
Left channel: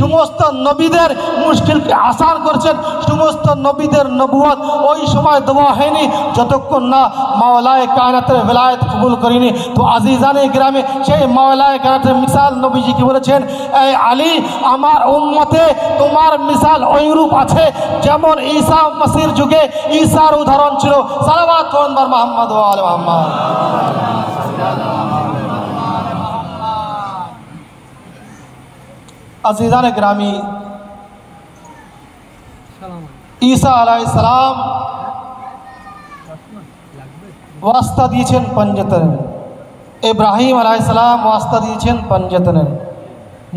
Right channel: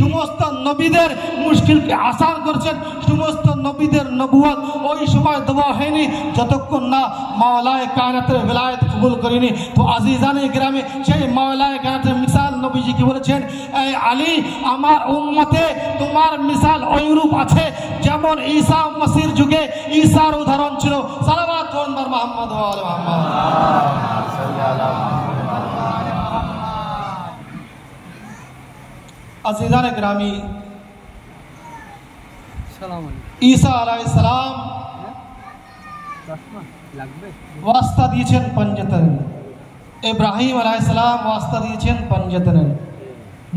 সমস্ত নবীদের মুশকিলকে আসান করেছেন। সমস্ত নবীদের নবুয়ত ওই সময় দেওয়া হয়নি যতক্ষণ না মাওলায়ে কায়নাতের বেলায়েত কবুল করেনি। তো আজিজানে গ্রামে সেই মাওলায়ে কায়নাতের মিসাল নবীজি কি বলেছেন, এই আলী আমার উম্মতে তোমার মিসাল ওইরূপ আছে যেমন ঈসা মসির যুগে ঈসার উদাহরণ ছিল। সালাওয়াত মুহাম্মদ ওয়া আলি মুহাম্মদ। আজিজানে গ্রামী, ঈসা আলাইহিস সালাম ওয়াস্তা দিয়েছেন পঞ্জতন, ইব্রাহিম আলাইহিস সালাম ওয়াস্তা দিয়েছেন পঞ্জতন,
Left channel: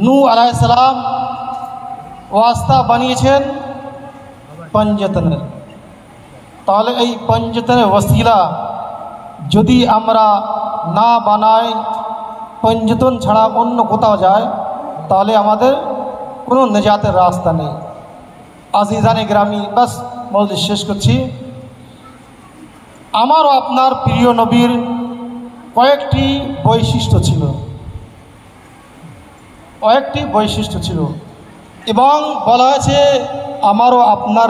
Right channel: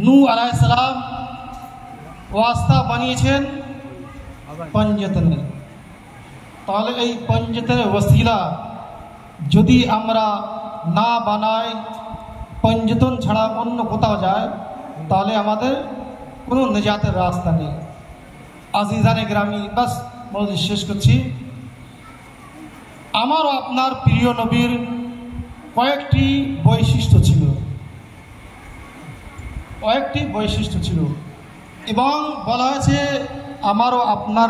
নূহ আলাইহিস সালাম ওয়াস্তা বানিয়েছেন পঞ্জতন। তাহলে এই পঞ্জতনের ওসিলা যদি আমরা না বানাই, পঞ্জতন ছাড়া অন্য কোথাও যায়, তাহলে আমাদের কোনো নেজাতের রাস্তা নেই। আজিজানে গ্রামী, বাস মজলিস শেষ করছি। আমারও আপনার প্রিয় নবীর কয়েকটি বৈশিষ্ট্য ছিল, এবং বলা হয়েছে আমারও আপনার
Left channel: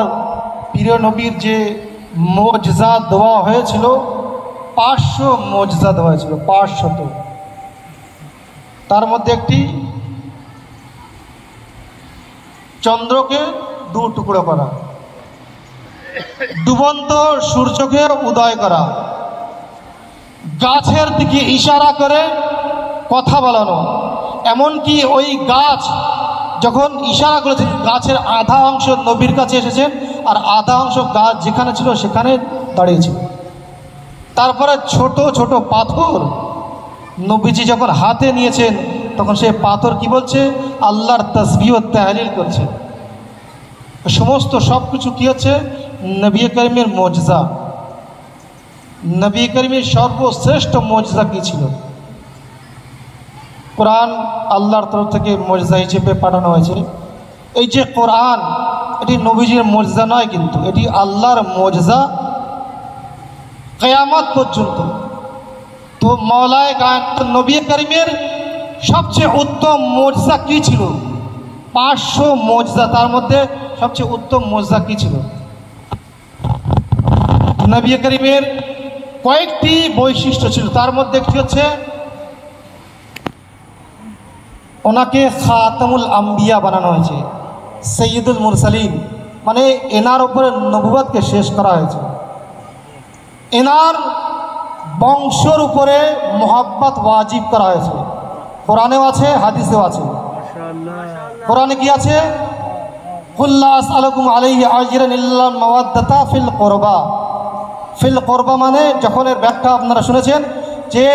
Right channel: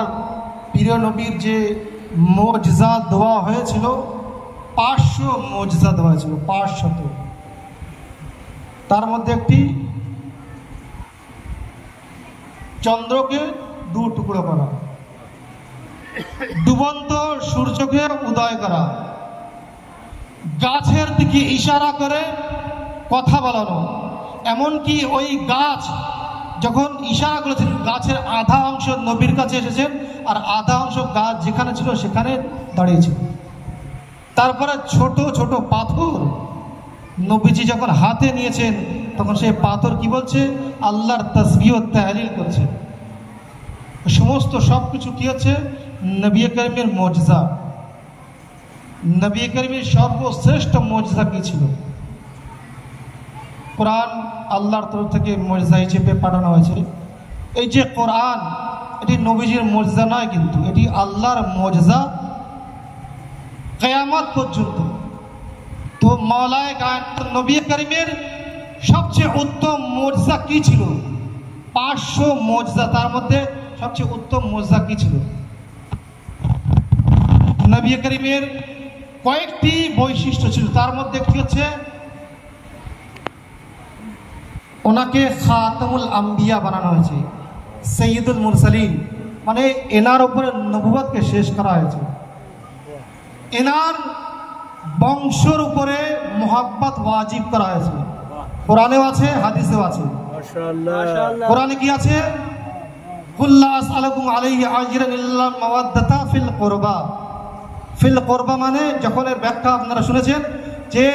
প্রিয় নবীর যে মুজজা দেওয়া হয়েছিল 500 মুজজা দেওয়া হয়েছিল, 500। তার মধ্যে একটি চন্দ্রকে 2 টুকরো করা, ডুবন্ত সূর্যকে উদয় করা, গাছের দিকে ইশারা করে কথা বলানো, এমনকি ওই গাছ যখন ইশারা করেছে গাছের আধা অংশ নবীর কাছে এসেছেন আর আধা অংশ গাছ যেখানে ছিল সেখানে দাঁড়িয়েছিল। তারপরে ছোট ছোট পাথর নবীজি যখন হাতে নিয়েছেন তখন সেই পাথর কি বলছে, আল্লাহর তাসবিহ ও তাহলিল করছে। সমস্ত সব কিছু কী হচ্ছে, নবী করিমের মুজজা। নবী করিমের সর্বশ্রেষ্ঠ মুজজা কী ছিল? কোরআন আল্লাহর তরফ থেকে মুজজা হিসেবে পাঠানো হয়েছে। এই যে কোরআন, এটি নবীজির মুজজা নয়, কিন্তু এটি আল্লাহর মুজজা কিয়ামত পর্যন্ত। তো মাওলায়ে কায়নাত নবী করিমের সবচেয়ে উত্তম মুজজা কি ছিল? 500 মুজজা, তার মধ্যে সবচেয়ে উত্তম মুজজা কি ছিল? নবী করিমের কয়েকটি বৈশিষ্ট্য ছিল, তার মধ্যে একটি হচ্ছে ওনাকে খাতামুল আম্বিয়া বানানো হয়েছে, সৈয়দুল মুরসালিন, মানে এনার উপরে নবুয়তকে শেষ করা হয়েছে। এনার বংশের উপরে মোহাব্বত ওয়াজিব করা হয়েছে। কোরআনেও আছে, হাদিসেও আছে। কোরআনে কি আছে? কুল্লা আসআলুকুম আলাইহি আজরান ইল্লা মাওয়াদ্দাতা ফিল কুরবা। ফিল কুরবা মানে, যখন এর ব্যাখ্যা আপনারা শুনেছেন যে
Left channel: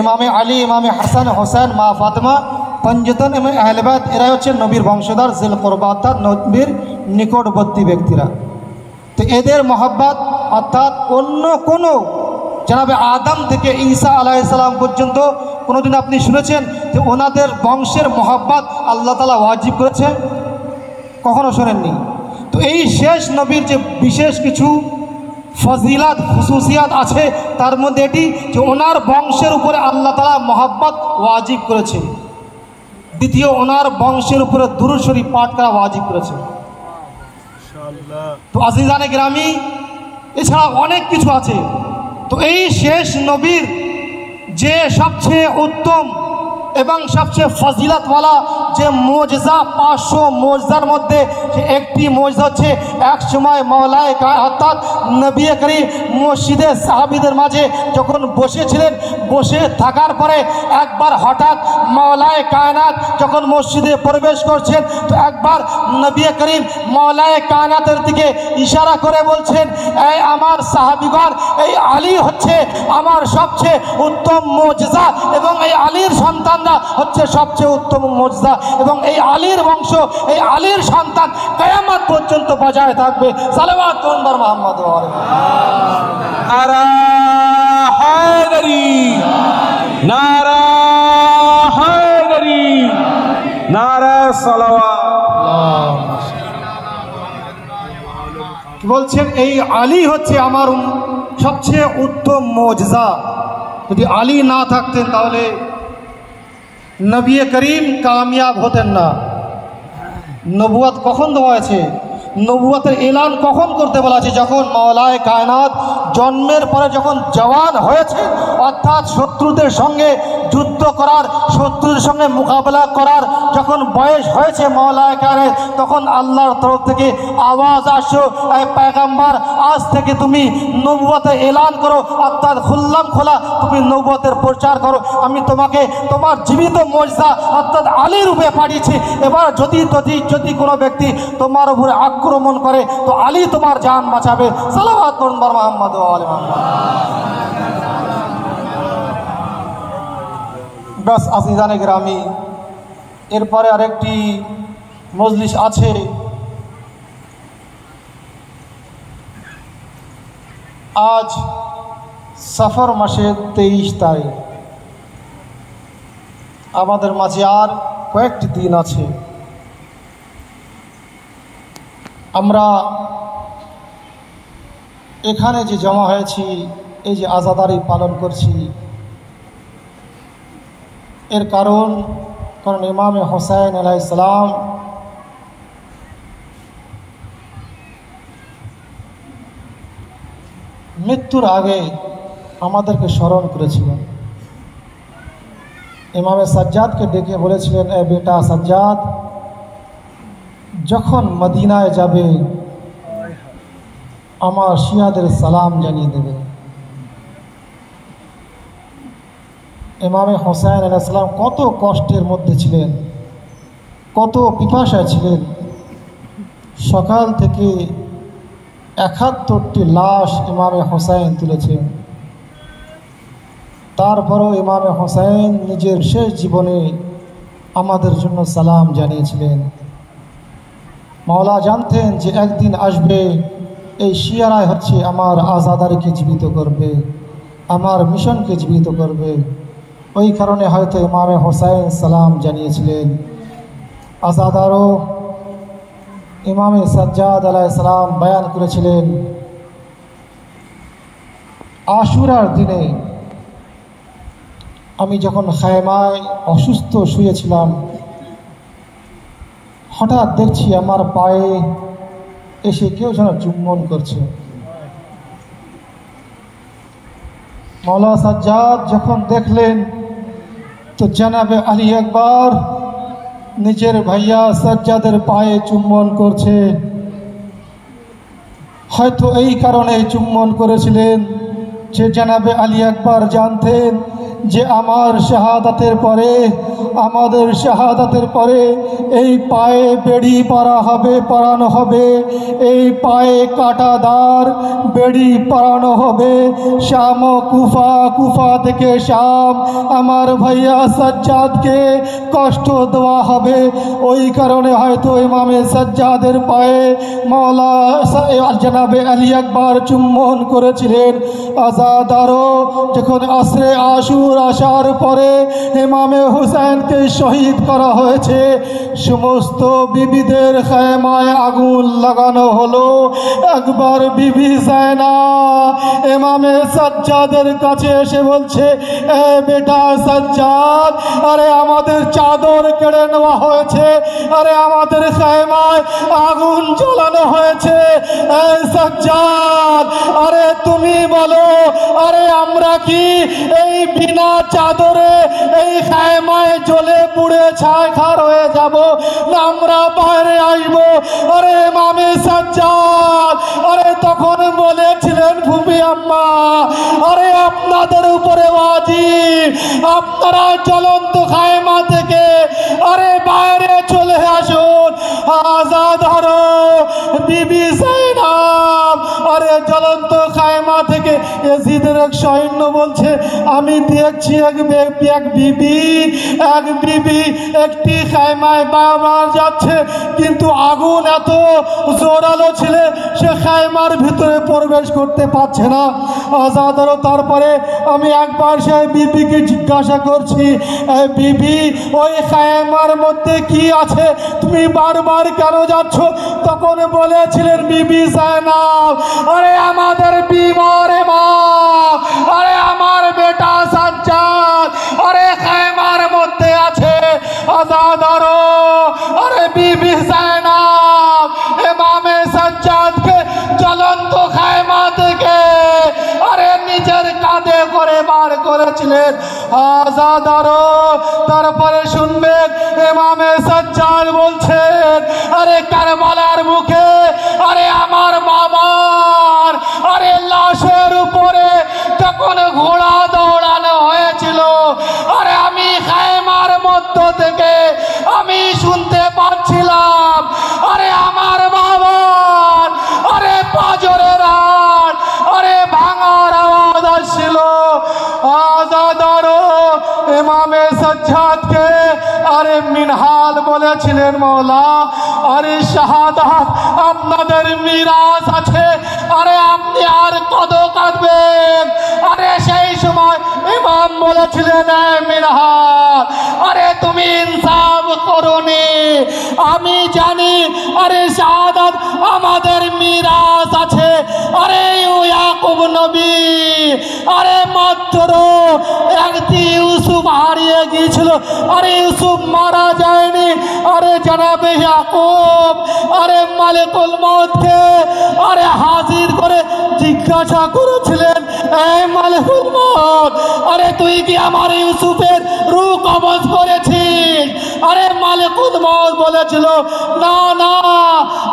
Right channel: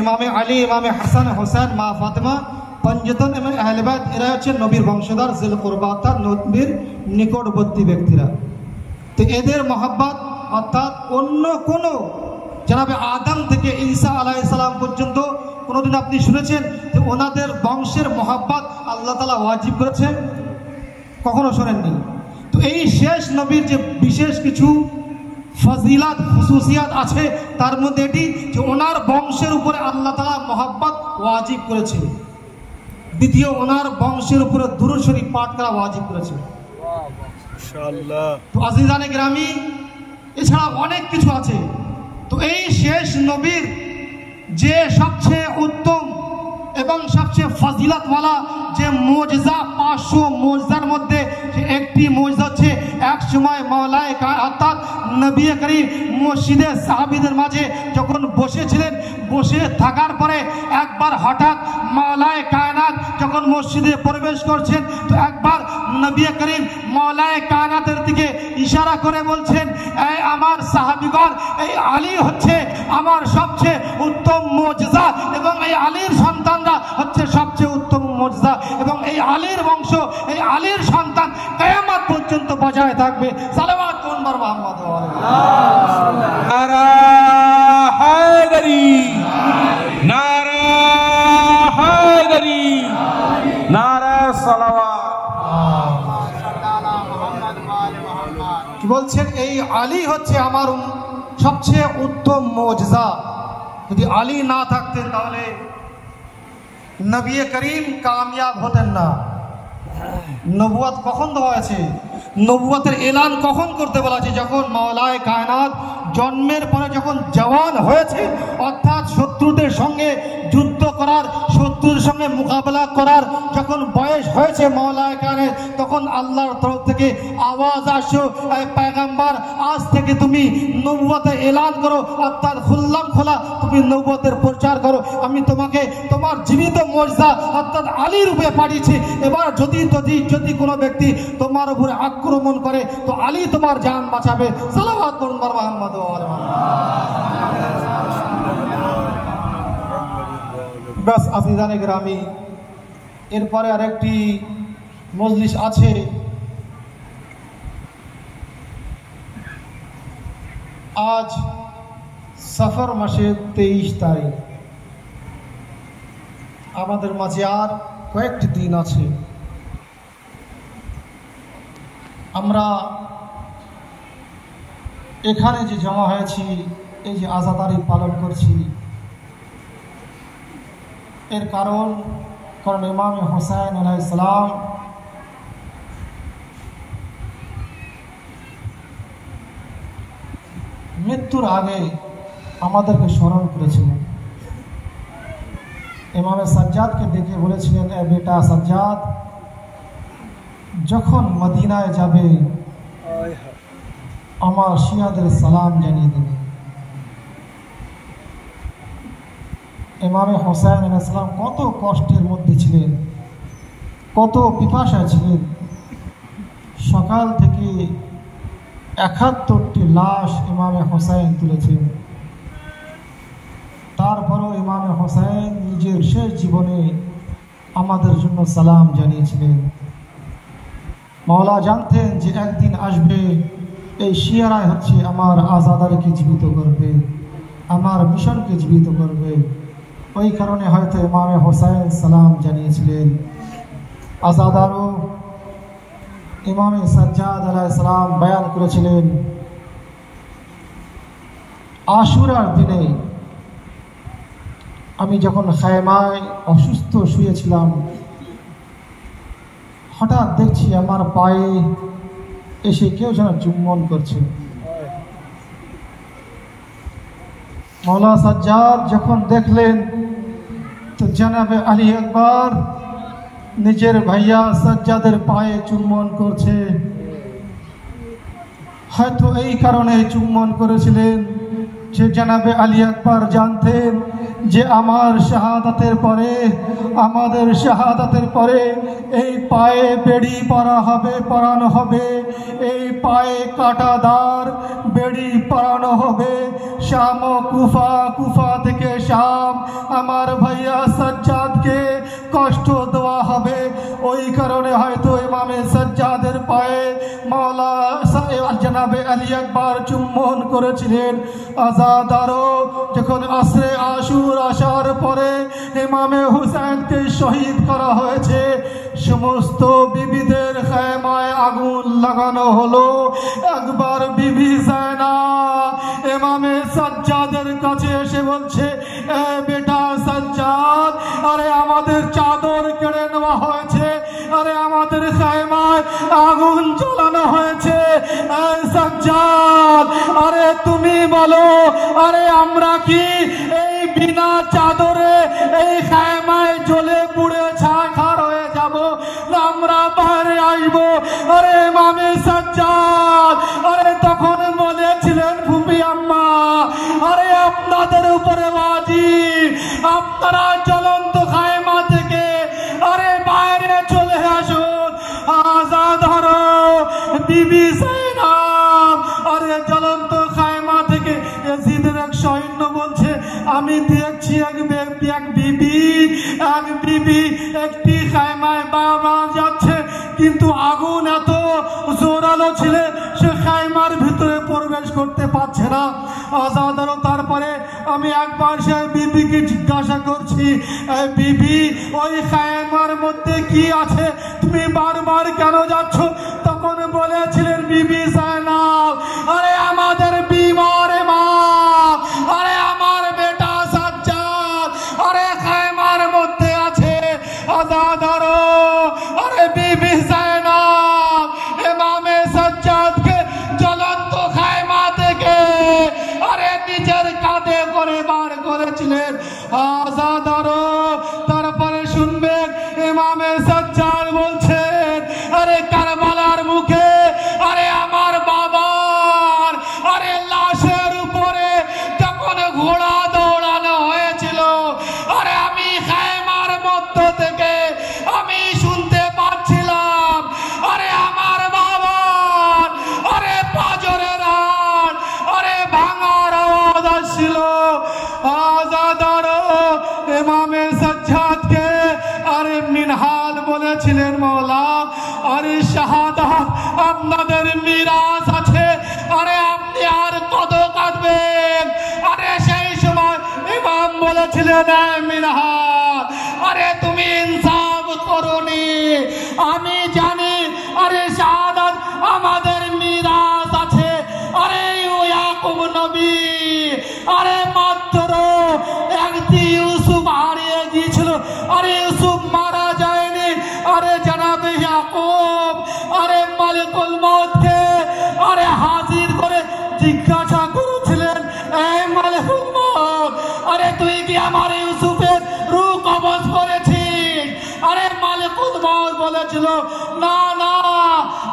ইমামে আলী, ইমামে হাসান, হোসেন, মা ফাতেমা, পঞ্জতন এবং আহলে বাইত এরাই হচ্ছে নবীর বংশধর, জিল কুরবা অর্থাৎ নবীর নিকটবর্তী ব্যক্তিরা। তো এদের মহব্বত অর্থাৎ অন্য কোনো, জনাবে আদম থেকে ঈসা আলাইহিস সালাম পর্যন্ত কোনোদিন আপনি শুনেছেন যে ওনাদের বংশের মহব্বত আল্লাহ তাআলা ওয়াজিব করেছেন? কখনো শোনেননি। তো এই শেষ নবীর যে বিশেষ কিছু ফজিলাত, খুসুসিয়াত আছে, তার মধ্যে এটি যে ওনার বংশের উপরে আল্লাহ তাআলা মহব্বত ওয়াজিব করেছে। দ্বিতীয়, ওনার বংশের উপরে দুরূদ শরীফ পাঠ করা ওয়াজিব করেছে। তো আজিজানে গ্রামী, এছাড়া অনেক কিছু আছে। তো এই শেষ নবীর যে সবচেয়ে উত্তম এবং সবচেয়ে ফজিলতওয়ালা যে মুজজা, 500 মুজজার মধ্যে যে একটি মুজজা হচ্ছে, এক সময় মাওলায়ে কায়নাত অর্থাৎ নবী করিম মসজিদে সাহাবীদের মাঝে যখন বসেছিলেন, বসে থাকার পরে একবার হঠাৎ মাওলায়ে কায়নাত যখন মসজিদে প্রবেশ করছেন, তো একবার নবী করিম মাওলায়ে কায়নাতের দিকে ইশারা করে বলছেন, এই আমার সাহাবীগণ, এই আলী হচ্ছে আমার সবচেয়ে উত্তম মুজজা এবং এই আলীর সন্তান হচ্ছে সবচেয়ে উত্তম মুজজা এবং এই আলীর বংশ, এই আলীর সন্তান কিয়ামত পর্যন্ত বজায় থাকবে। সালাওয়াত করুন মুহাম্মদ ওয়া আলাইহি। নারা হায়দারি, নারা হায়দারি, নারা সালাওয়াত। কি বলছেন? এই আলী হচ্ছে আমার সবচেয়ে উত্তম মুজজা। যদি আলী না থাকতেন তাহলে নবী করিম কামিয়াব হতেন না। নবুয়ত কখন দেওয়া হয়েছে? নবুয়তের এলান কখন করতে বলা আছে? যখন মাওলায়ে কায়নাত জন্মের পরে যখন জওয়ান হয়েছে, অর্থাৎ শত্রুদের সঙ্গে যুদ্ধ করার, শত্রুদের সঙ্গে মোকাবেলা করার যখন বয়স হয়েছে মাওলায়ে কায়নাত, তখন আল্লাহর তরফ থেকে আওয়াজ আসো, পয়গম্বর আজ থেকে তুমি নবুয়তের এলান করো, অর্থাৎ খুল্লাম খোলা তুমি নবুয়তের প্রচার করো। আমি তোমাকে তোমার জীবিত মুজজা অর্থাৎ আলী রূপে পাঠিয়েছি। এবার যদি কোনো ব্যক্তি তোমার উপরে আক্রমণ করে তো আলী তোমার জান বাঁচাবে। সালাওয়াত করুন মুহাম্মদ ওয়া আলি মুহাম্মদ। বাস আজিজানে গ্রামী, এরপরে আরেকটি মজলিস আছে। আজ সফর মাসের 23 তারিখ, আমাদের মাঝে আর কয়েকটি দিন আছে। আমরা এখানে যে জমা হয়েছি, এই যে আজাদারি পালন করছি, এর কারণ ইমামে হোসেন আলাইহিস সালাম মৃত্যুর আগে আমাদেরকে স্মরণ করেছিলেন। ইমামে সাজ্জাদকে ডেকে বলেছিলেন, এ বেটা সাজ্জাদ, যখন মদিনায় যাবে আমার শিয়াদের সালাম জানিয়ে দেবে। ইমামে হোসেন আলাইহিস সালাম কত কষ্টের মধ্যে ছিলেন, কত পিপাসায় ছিলেন। সকাল থেকে 71টি লাশ ইমামে হোসেন তুলেছেন। তারপরও ইমামে হোসেন নিজের শেষ জীবনে আমাদের জন্য সালাম জানিয়েছিলেন। মাওলা জানতেন যে একদিন আসবে, এই শিয়ারাই হচ্ছে আমার আজাদারিকে জীবিত করবে, আমার মিশনকে জীবিত করবে। ওই কারণে হয়তো ইমামে হোসেন সালাম জানিয়েছিলেন। আজাদারও ইমাম সাজ্জাদ আলাইহিস সালাম বয়ান করেছিলেন, আশুরার দিনে আমি যখন খায়মায় অসুস্থ শুয়েছিলাম, হঠাৎ দেখছি আমার পায়ে এসে কেউ যেন চুম্বন করছে। মৌলা সাজ্জাদ যখন দেখলেন তো জনাবে আলী আকবর নিজের ভাইয়া সাজ্জাদের পায়ে চুম্বন করছে। হয়তো এই কারণে চুম্বন করেছিলেন যে জনাবে আলী আকবর জানতেন যে আমার শাহাদাতের পরে, আমাদের শাহাদাতের পরে এই পায়ে বেড়ি পরানো হবে, এই পায়ে কাঁটাদার বেড়ি পরানো হবে। শাম কুফা, কুফা থেকে শাম আমার ভাইয়া সাজ্জাদকে কষ্ট দেওয়া হবে। ওই কারণে হয়তো ইমামে সাজ্জাদের পায়ে মাওলা জনাবে আলী আকবর চুম্বন করেছিলেন। আজাদারও যখন আসরে আশুর আসার পরে ইমামে হুসাইনকে শহীদ করা হয়েছে, সমস্ত বিবিদের খায়মায় আগুন লাগানো হলো। একবার বিবি জায়নাব ইমামে সাজ্জাদের কাছে এসে বলছে, এ বেটা সাজ্জাদ, আরে আমাদের চাদর কেড়ে নেওয়া হয়েছে, আরে আমাদের খায়মায় আগুন জ্বালানো হয়েছে। সাজ্জাদ, আরে তুমি বলো, আরে আমরা কি এই বিনা চাদরে এই খায়মায় জ্বলে পুড়ে ছারখার হয়ে যাব, না আমরা বাইরে আসবো? আরে ইমামে সাজ্জাদ আরে তখন বলেছিলেন, ফুপি আম্মা, আরে আপনাদের উপরে ওয়াজিব, আপনারা জ্বলন্ত খায়মা থেকে আরে বাইরে চলে আসুন। আজাদ হরো বিবি জাইনাব আরে জ্বলন্ত খায়মা থেকে ইয়াজিদের এক সৈন্য বলছে, আমি দেখছি এক বিবি একটি খায়মায় বারবার যাচ্ছে, কিন্তু আগুন এত জোরালো ছিল সে খায়মার ভিতরে প্রবেশ করতে পারছে না। আজাদারও তারপরে আমি একবার সে বিবিকে জিজ্ঞাসা করছি, বিবি ওই খায়মার মধ্যে কি আছে, তুমি বারবার কেন যাচ্ছ? তখন বলেছিলেন বিবি জায়নাব, আরে আমাদের বিমার মা, আরে আমার বেটা সাজ্জাদ আরে খায়মার মধ্যে আছে। আজাদারও আরে বিবি জায়নাব ইমামে সাজ্জাদকে জ্বলন্ত খায়মা থেকে আরে নিজের কাঁধে করে বার করেছিলেন। আজাদারও তারপরে শুনবেন ইমামে সাজ্জাদ বলছেন, আরে কারবালার মুখে আরে আমার বাবার আরে লাশের উপরে তখন ঘোড়া দৌড়ানো হয়েছিল, আরে আমি খায়মার মধ্য থেকে আমি শুনতে পাচ্ছিলাম আরে আমার বাবার আরে পাজরের রান আরে ভাঙার আওয়াজ আসছিল। আজাদারও ইমামে সাজ্জাদকে আরে মিনহাল বলেছিলেন, মওলা আরে শাহাদাত আপনাদের মিরাজ আছে, আরে আপনি আর কত কাঁদবেন? আরে সেই সময় ইমাম বলেছিলেন, মিনহাল আরে তুমি ইনসাফ করোনি, আমি জানি আরে শাহাদাত আমাদের মিরাজ আছে। আরে ইয়াকুব নবী আরে মাত্র একটি ইউসুফ হারিয়ে গিয়েছিল, আরে ইউসুফ মারা যায়নি। আরে জনাবে ইয়াকুব আরে মালিকুল মউতকে আরে হাজির করে জিজ্ঞাসা করেছিলেন, এই মালিকুল মউত, আরে তুই কি আমার ইউসুফের রূহ কবজ করেছিস? আরে মালিকুল মউত বলেছিল, না না।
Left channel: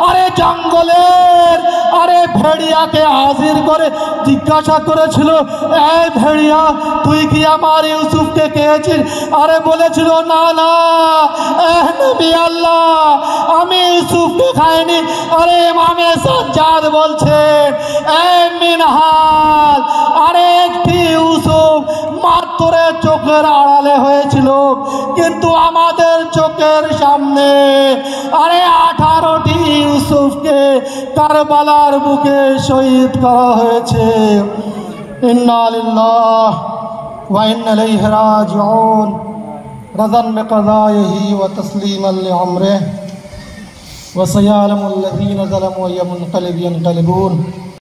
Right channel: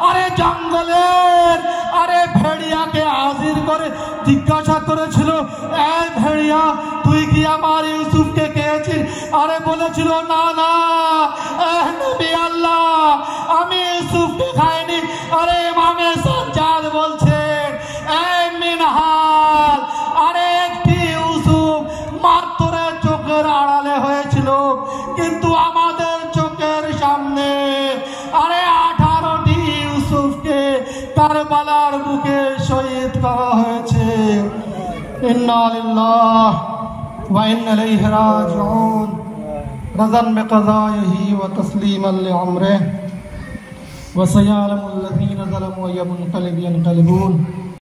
আরে জঙ্গলের আরে ভেড়িয়াকে হাজির করে জিজ্ঞাসা করেছিল, এই ভেড়িয়া তুই কি আমার ইউসুফকে খেয়েছিস? আরে বলেছিল, না না নবী আল্লাহ, আমি ইউসুফকে খাইনি। আরে ইমামে সাজ্জাদ বলছেন, এই মিনহাল আরে একটি ইউসুফ মাত্র চোখের আড়ালে হয়েছিল, কিন্তু আমাদের চোখের সামনে আরে 18টি ইউসুফকে কারবালার বুকে শহীদ করা হয়েছে। ইন্না লিল্লাহি ওয়া ইন্না ইলাইহি রাজিউন। রাযান বিকাযাইহি ওয়া তাসলিমান লিআমরিহি। وسيعلم الذين ظلموا أي منقلب ينقلبون